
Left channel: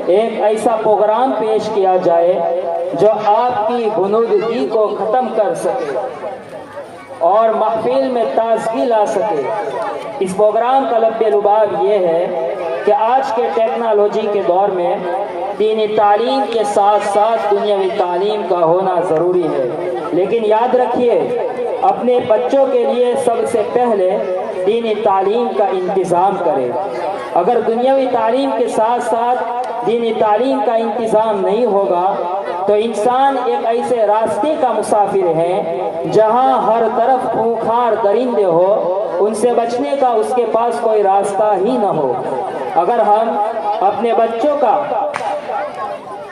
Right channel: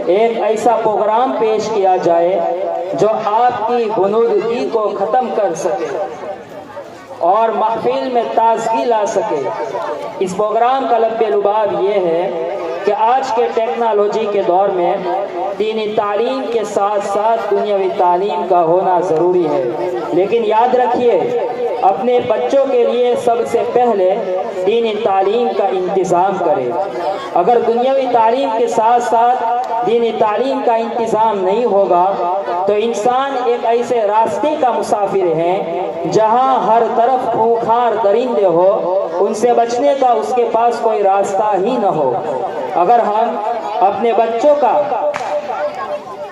ایک ایسا پروگرام پیش کیا جائے جو آپ کی غنودگی کو ختم کر سکے اور محفل میں تازگی لا سکے۔ اس پروگرام کا لب لباب یہ ہے کہ آج کے ٹیکنالوجی کے دور میں دینی تعلیم کے ساتھ ساتھ دنیاوی تعلیم کا ہونا ضروری ہے، لیکن یاد رکھیے اپنے بچوں کے لیے سب سے پہلے دینی تعلیم کا انتظام کرے۔ اگر دنیاوی تعلیم کے ساتھ ساتھ دینی تعلیم کا انتظام نہیں ہوگا تو انسان ایک ایسے راستے کا مسافر ہے جہاں ہر طرف خونخوار درندے ہو، ان سے بچنے کا اس کے پاس کوئی راستہ ہی نہ ہو۔ اگر ہم اپنے بچوں کا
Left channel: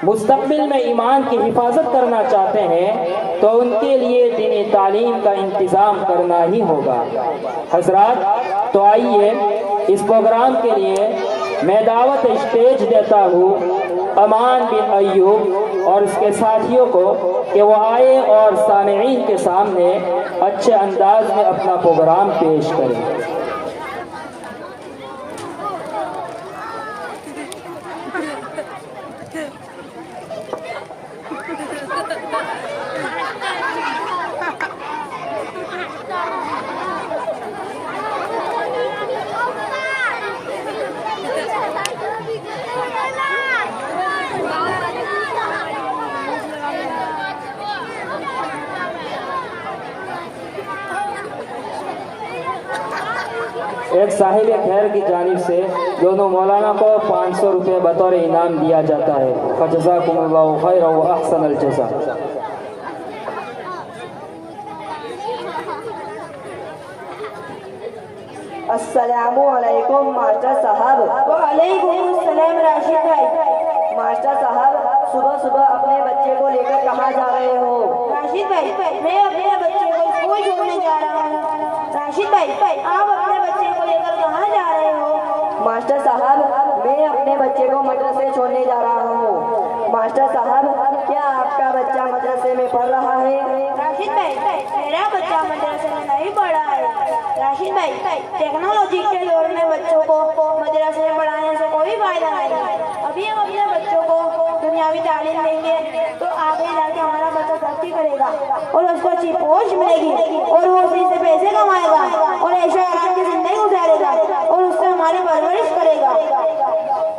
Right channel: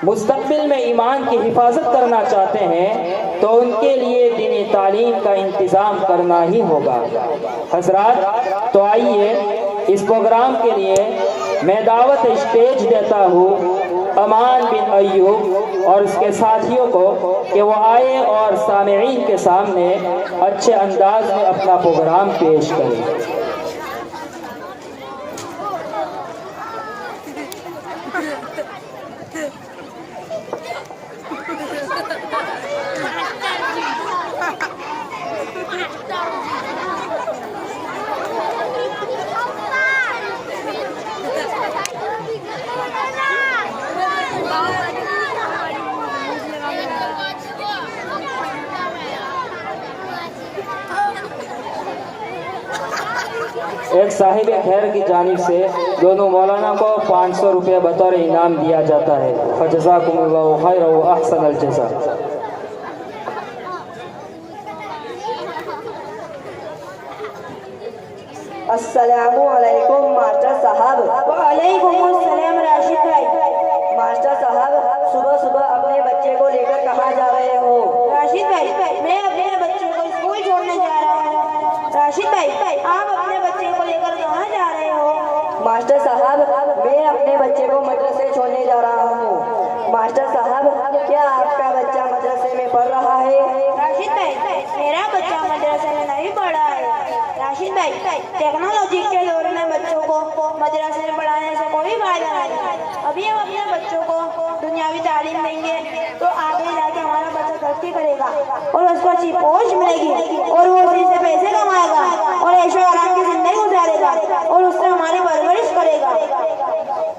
مستقبل میں ایمان کی حفاظت کرنا چاہتے ہیں تو ان کے لیے دینی تعلیم کا انتظام کرنا ہی ہوگا۔ حضرات، تو آئیے اس پروگرام کے لیے میں دعوت اسٹیج دیتا ہوں امان بن ایوب اور اس کے ساتھیوں کو کہ وہ آئے اور سامعین کے سامنے اچھے انداز میں اپنا پروگرام پیش کریں۔ ایک صاحب خیر کی جانب سے دونوں مولانا کو 500 روپے بطور انعام دیا جاتا ہے۔ فجزاکم اللہ خیر و احسن الجزاء۔ السلام علیکم ماسٹر صاحب۔ وعلیکم السلام راشد بھائی۔ ماسٹر صاحب، صبح صبح اپنے بچے کو لے کر کہاں جا رہے ہو؟ راشد بھائی، میں اپنے بچے کو اسکول چھوڑنے جا رہا ہوں۔ راشد بھائی، آپ اپنے بچے کو لے کر کہاں جا رہے ہو؟ ماسٹر صاحب، میں اپنے بچے کو مدرسے چھوڑنے جا رہا ہوں۔ ماسٹر صاحب، کیا آپ کا بچہ مدرسے میں پڑھ رہا ہے؟ راشد بھائی، میرا بچہ مدرسے میں نہیں پڑھا ہے۔ راشد بھائی، ٹیکنالوجی کے دور میں بچوں کو مدرسے میں پڑھانے سے کوئی فائدہ نہیں۔ ابھی ہم اپنے بچوں کو دنیاوی تعلیم دیں گے تو آگے جا کے ہمارا بچہ ترقی کرے گا اور اس کو اچھی پوسٹ ملے گی اور وہ اسی سے پیسے کمائے گا اور عیش و آرام کی زندگی گزارے گا اور اس سے ہماری پرورش کرے گا۔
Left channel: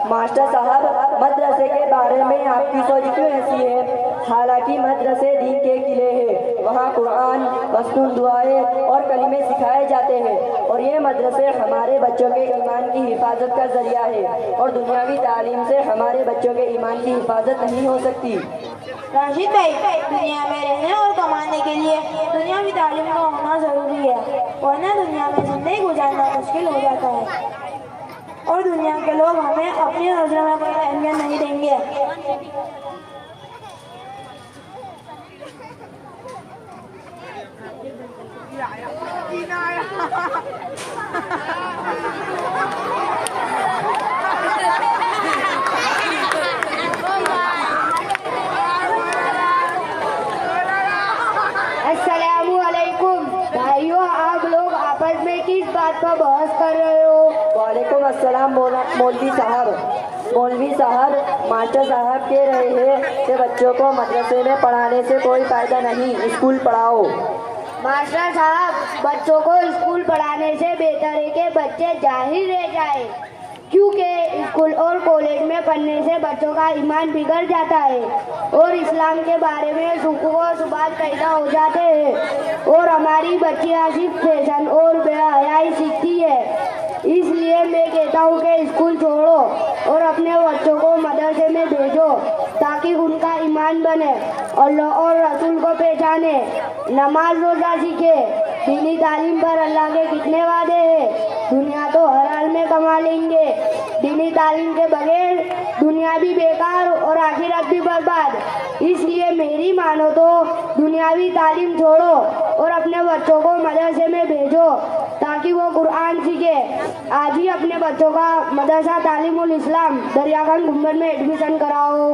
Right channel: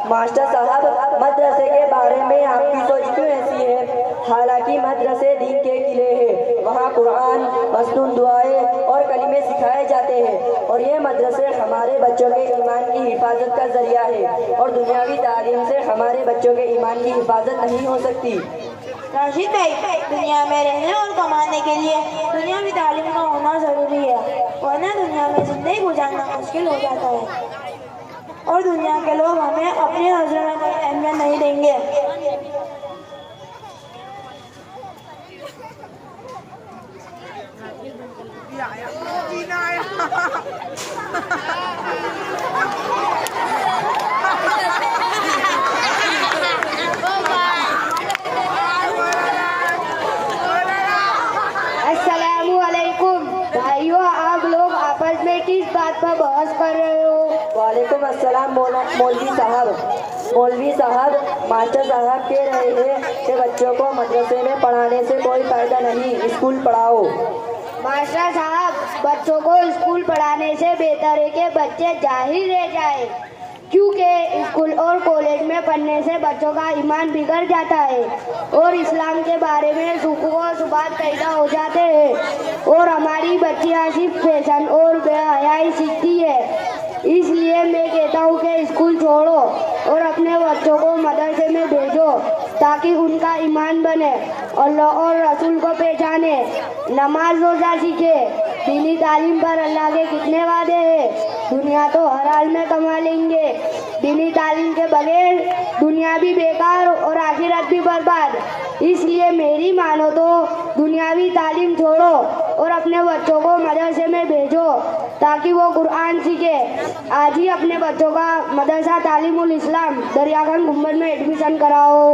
ماسٹر صاحب، مدرسے کے بارے میں آپ کی سوچ کیوں ایسی ہے؟ حالانکہ مدرسے دین کے قلعے ہیں، وہاں قرآن، مصنون دعائیں اور کلمے سکھائے جاتے ہیں، اور یہ مدرسے ہمارے بچوں کے ایمان کی حفاظت کا ذریعہ ہے، اور دنیاوی تعلیم سے ہمارے بچوں کے ایمان کی حفاظت نہیں ہو سکتی۔ راشد بھائی، دنیا میں رہنے اور کمانے کے لیے دنیاوی تعلیم کا ہونا ضروری ہے، ورنہ دنیا میں زندگی گزارنا مشکل ہو جاتا ہے اور دنیا کے لوگ ہمیں اپنی نظر میں کوئی اہمیت نہیں دیں گے۔ السلام علیکم بھائیوں، آپ لوگ آپس میں کس بات پر بحث کر رہے ہو؟ وعلیکم السلام مولوی صاحب۔ مولوی صاحب، ماسٹر صاحب کہہ رہے ہیں کہ بچوں کو مدرسے میں پڑھانے سے کوئی فائدہ نہیں، اسکول پڑھاؤ۔ ماسٹر صاحب، بچوں کو اسکول پڑھانے سے بہتر ہے کہ بچے جاہل رہ جائیں، کیونکہ اسکول اور کالج میں پڑھنے سے بچوں کا ایمان بگڑ جاتا ہے اور اسلام کے بارے میں شک و شبہات پیدا ہو جاتے ہیں اور ہماری بچیاں صرف فیشن اور بے حیائی سیکھتی ہے۔ اس لیے میں کہتا ہوں کہ اسکول چھوڑو اور اپنے بچوں کو مدرسے میں بھیجو تاکہ ان کا ایمان بنے، اللہ اور رسول کو پہچانے، نماز روزہ سیکھے۔ دینی تعلیم پر اللہ کے کتنے وعدے ہیں، دنیا تو ہر حال میں کما لیں گے، دینی تعلیم کے بغیر دنیا بھی بیکار اور آخرت بھی برباد۔ اس لیے میری مانو تو دنیاوی تعلیم چھوڑو اور اپنے بچوں کو مدرسے میں بھیجو تاکہ وہ قرآن سیکھے۔ آج ہی اپنے بچوں کا مدرسہ تعلیم الاسلام دریا گنج گنبد میں ایڈمیشن کراؤ۔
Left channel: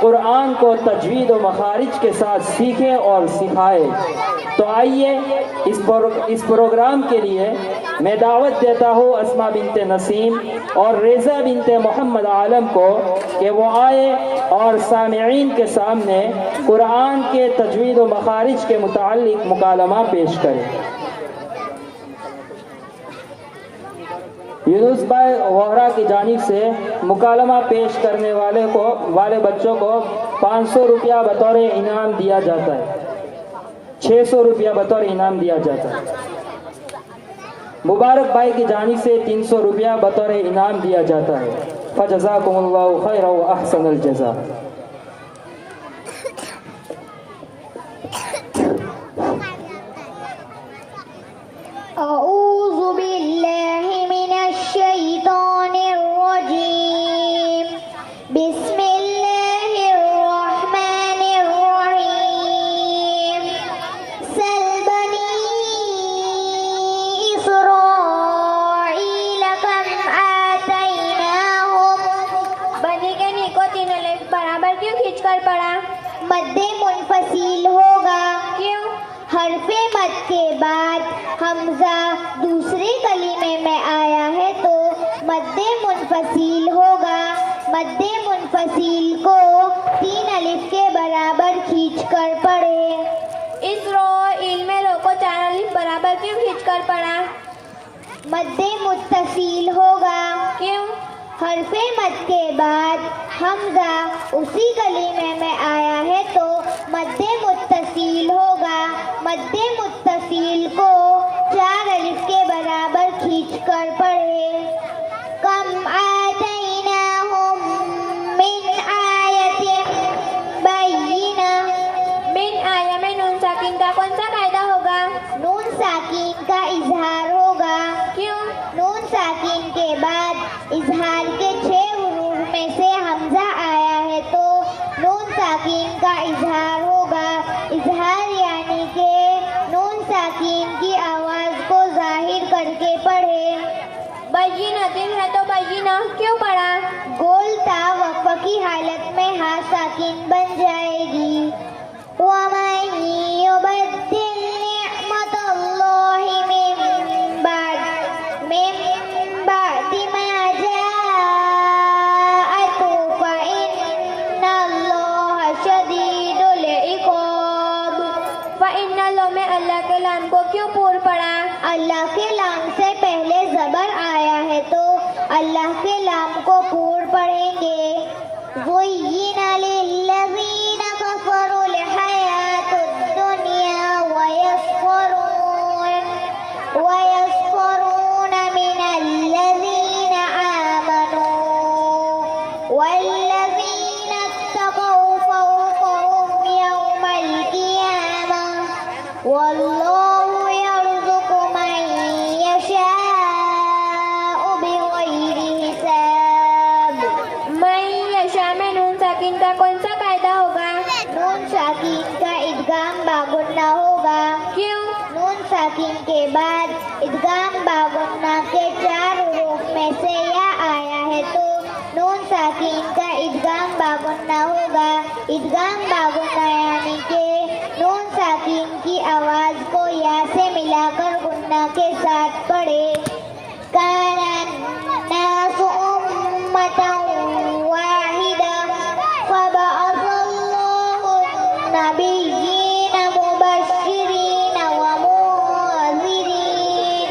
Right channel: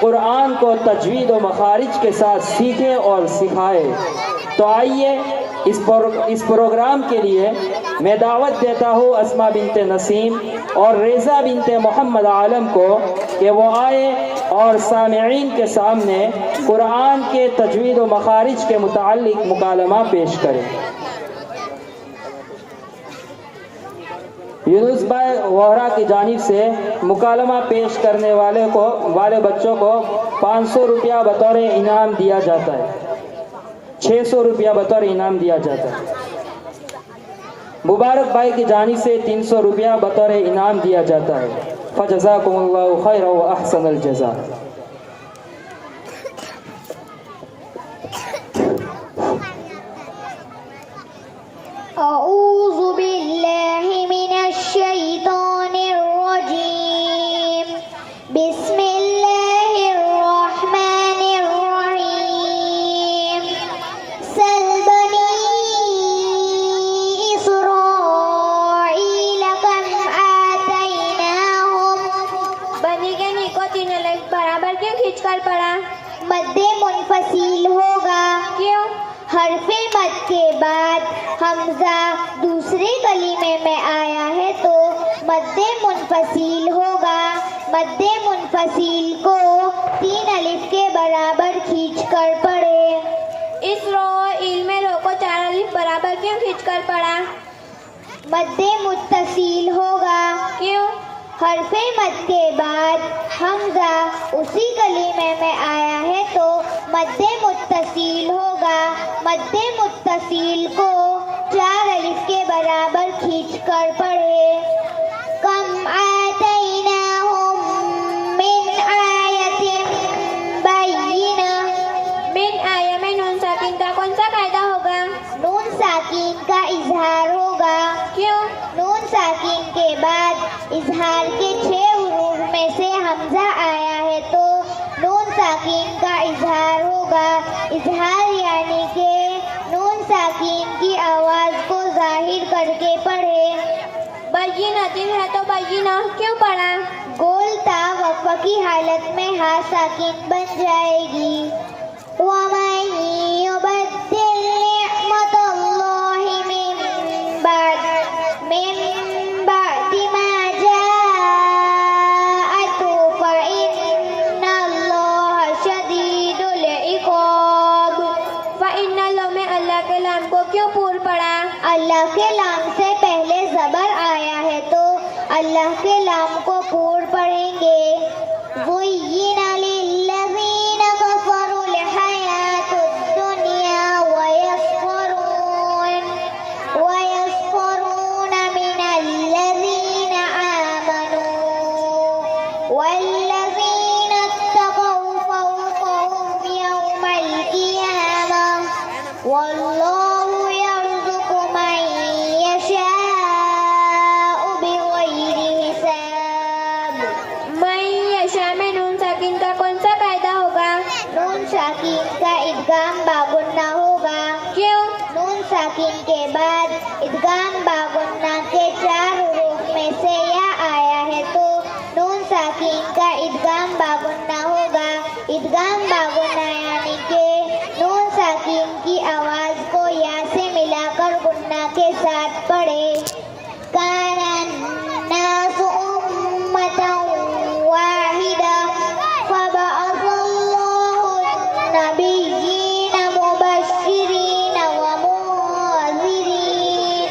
قرآن کو تجوید و مخارج کے ساتھ سیکھے اور سکھائے۔ تو آئیے اس پروگرام کے لیے میں دعوت دیتا ہوں اسما بنت نسیم اور ریزہ بنت محمد عالم کو کہ وہ آئے اور سامعین کے سامنے قرآن کے تجوید و مخارج کے متعلق مکالمہ پیش کریں۔ یونس بھائی وہرا کی جانب سے مکالمہ پیش کرنے والے بچوں کو 500 روپیہ بطور انعام دیا جاتا ہے، 600 روپیہ بطور انعام دیا جاتا ہے۔ مبارک بھائی کی جانب سے 300 روپیہ بطور انعام دیا جاتا ہے۔ فجزاکم اللہ خیر و احسن الجزاء۔ اعوذ باللہ من الشیطان الرجیم، بسم اللہ الرحمن الرحیم۔ سل بنی اسرائیل کم آتیناہم، بنی کے نی کو 3 الف برابر کیوں کھینچ کر پڑھا؟ مد منفصل ہوگا، کیوں؟ حرف مد کے بعد حمزہ دوسرے کلمے میں آیا ہے تو مد منفصل ہوگا۔ مد منفصل کو 3 الف کے برابر کھینچ کر پڑھے۔ اسرائیل میں رو کو 4 الف برابر کیوں کھینچ کر پڑھا؟ مد متصل ہوگا، کیوں؟ حرف مد کے بعد حمزہ اسی کلمے میں آیا ہے تو مد متصل ہوگا۔ مد متصل کو 4 الف کے برابر کھینچ کر پڑھے۔ کم آتیناہم من آیت بینہ، من آیا میں نون ساکن کا کون سا قاعدہ ہوگا؟ نون ساکن کا اظہار ہوگا، کیوں؟ نون ساکن کے بعد اظہار کے 6 حروف میں سے حمزہ آیا ہے تو نون ساکن کا اظہار ہوگا۔ اظہار یعنی کہ نون ساکن کی آواز کو ظاہر کر کے پڑھے۔ بینتین ہے تو بینہ کیوں پڑھا؟ گول تا وقفہ کی حالت میں ہاں ساکن بن جائے گی۔ وَمَن يُبَدِّلْ نِعْمَتَ اللَّهِ مِن بَعْدِ مَا جَاءَتْهُ فَإِنَّ اللَّهَ شَدِيدُ الْعِقَابِ۔ فَإِنَّ اللَّهَ میں اللہ کے لام کو کیوں پور پڑا؟ اللہ کے لام سے پہلے زبر آیا ہے تو اللہ کے لام کو پور پڑھیں گے۔ زُيِّنَ لِلَّذِينَ كَفَرُوا الْحَيَاةُ الدُّنْيَا وَيَسْخَرُونَ مِنَ الَّذِينَ آمَنُوا وَالَّذِينَ اتَّقَوْا فَوْقَهُمْ يَوْمَ الْقِيَامَةِ وَاللَّهُ يَرْزُقُ مَن يَشَاءُ بِغَيْرِ حِسَابٍ۔ من یشاء میں نون ساکن کا کون سا قاعدہ ہوگا؟ نون ساکن کا ادغام باغنہ ہوگا، کیوں؟ نون ساکن کے بعد ادغام باغنہ کے 4 حروف میں سے یا آیا ہے تو نون ساکن کا ادغام باغنہ ہوگا۔ ادغام باغنہ یعنی کہ نون ساکن کی آواز کو یا سے ملا کر گنہ کے ساتھ پڑھے۔ کان الناس امۃ واحدہ فبعث اللہ النبیین مبشرین ومنذرین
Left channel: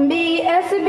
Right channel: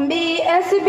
BSB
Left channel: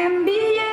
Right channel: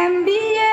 MBA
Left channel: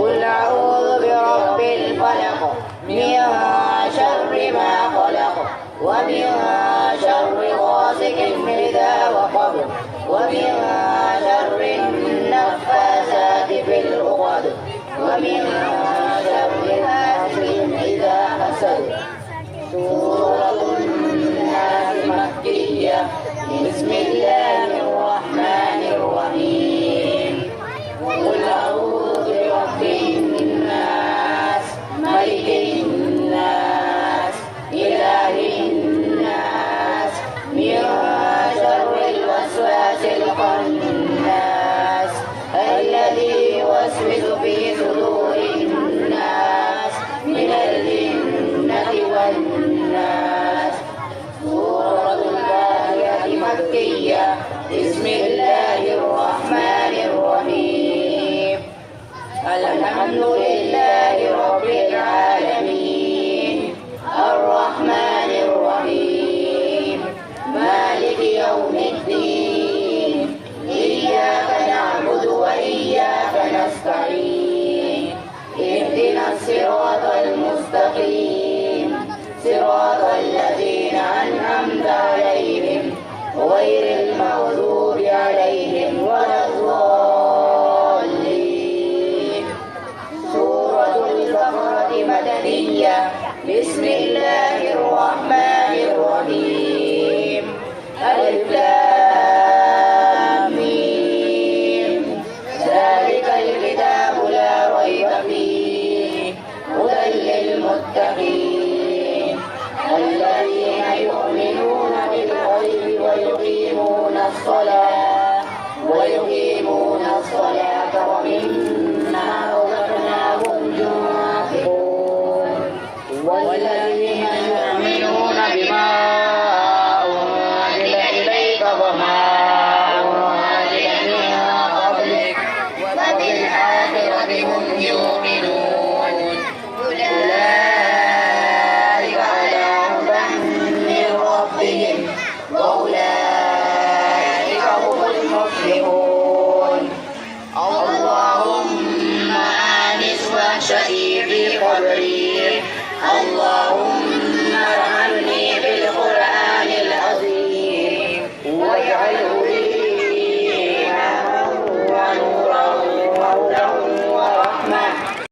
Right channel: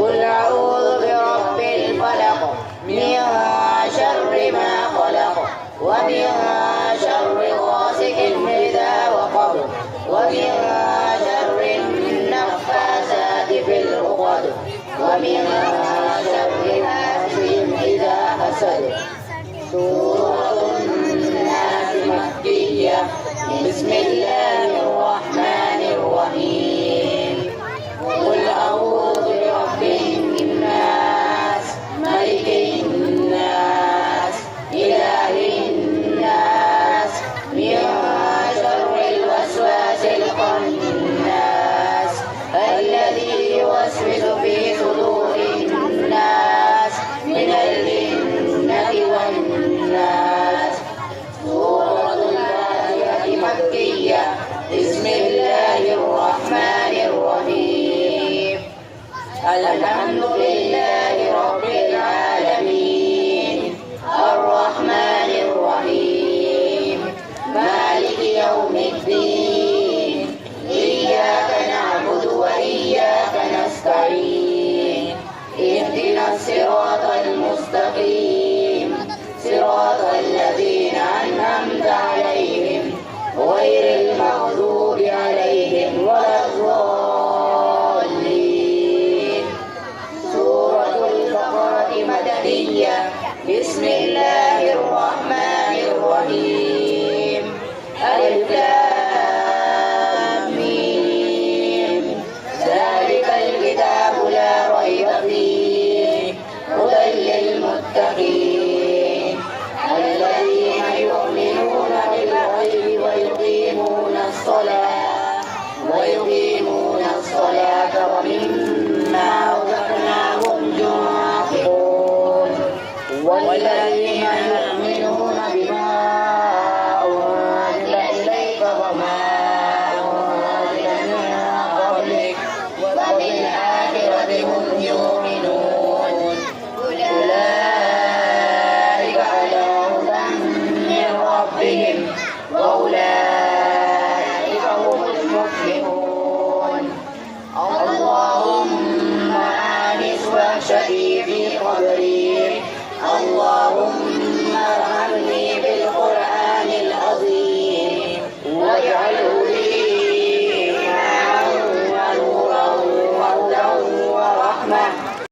قل أعوذ برب الفلق من شر ما خلق ومن شر غاسق إذا وقب ومن شر النفاثات في العقد ومن شر حاسد إذا حسد. سورة الناس مكية. بسم الله الرحمن الرحيم. قل أعوذ برب الناس ملك الناس إله الناس من شر الوسواس الخناس الذي يوسوس في صدور الناس من الجنة والناس. سورة الفاتحة مكية. بسم الله الرحمن الرحيم. الحمد لله رب العالمين الرحمن الرحيم مالك يوم الدين إياك نعبد وإياك نستعين اهدنا الصراط المستقيم صراط الذين أنعمت عليهم غير المغضوب عليهم ولا الضالين. سورة البقرة مدنية. بسم الله الرحمن الرحيم.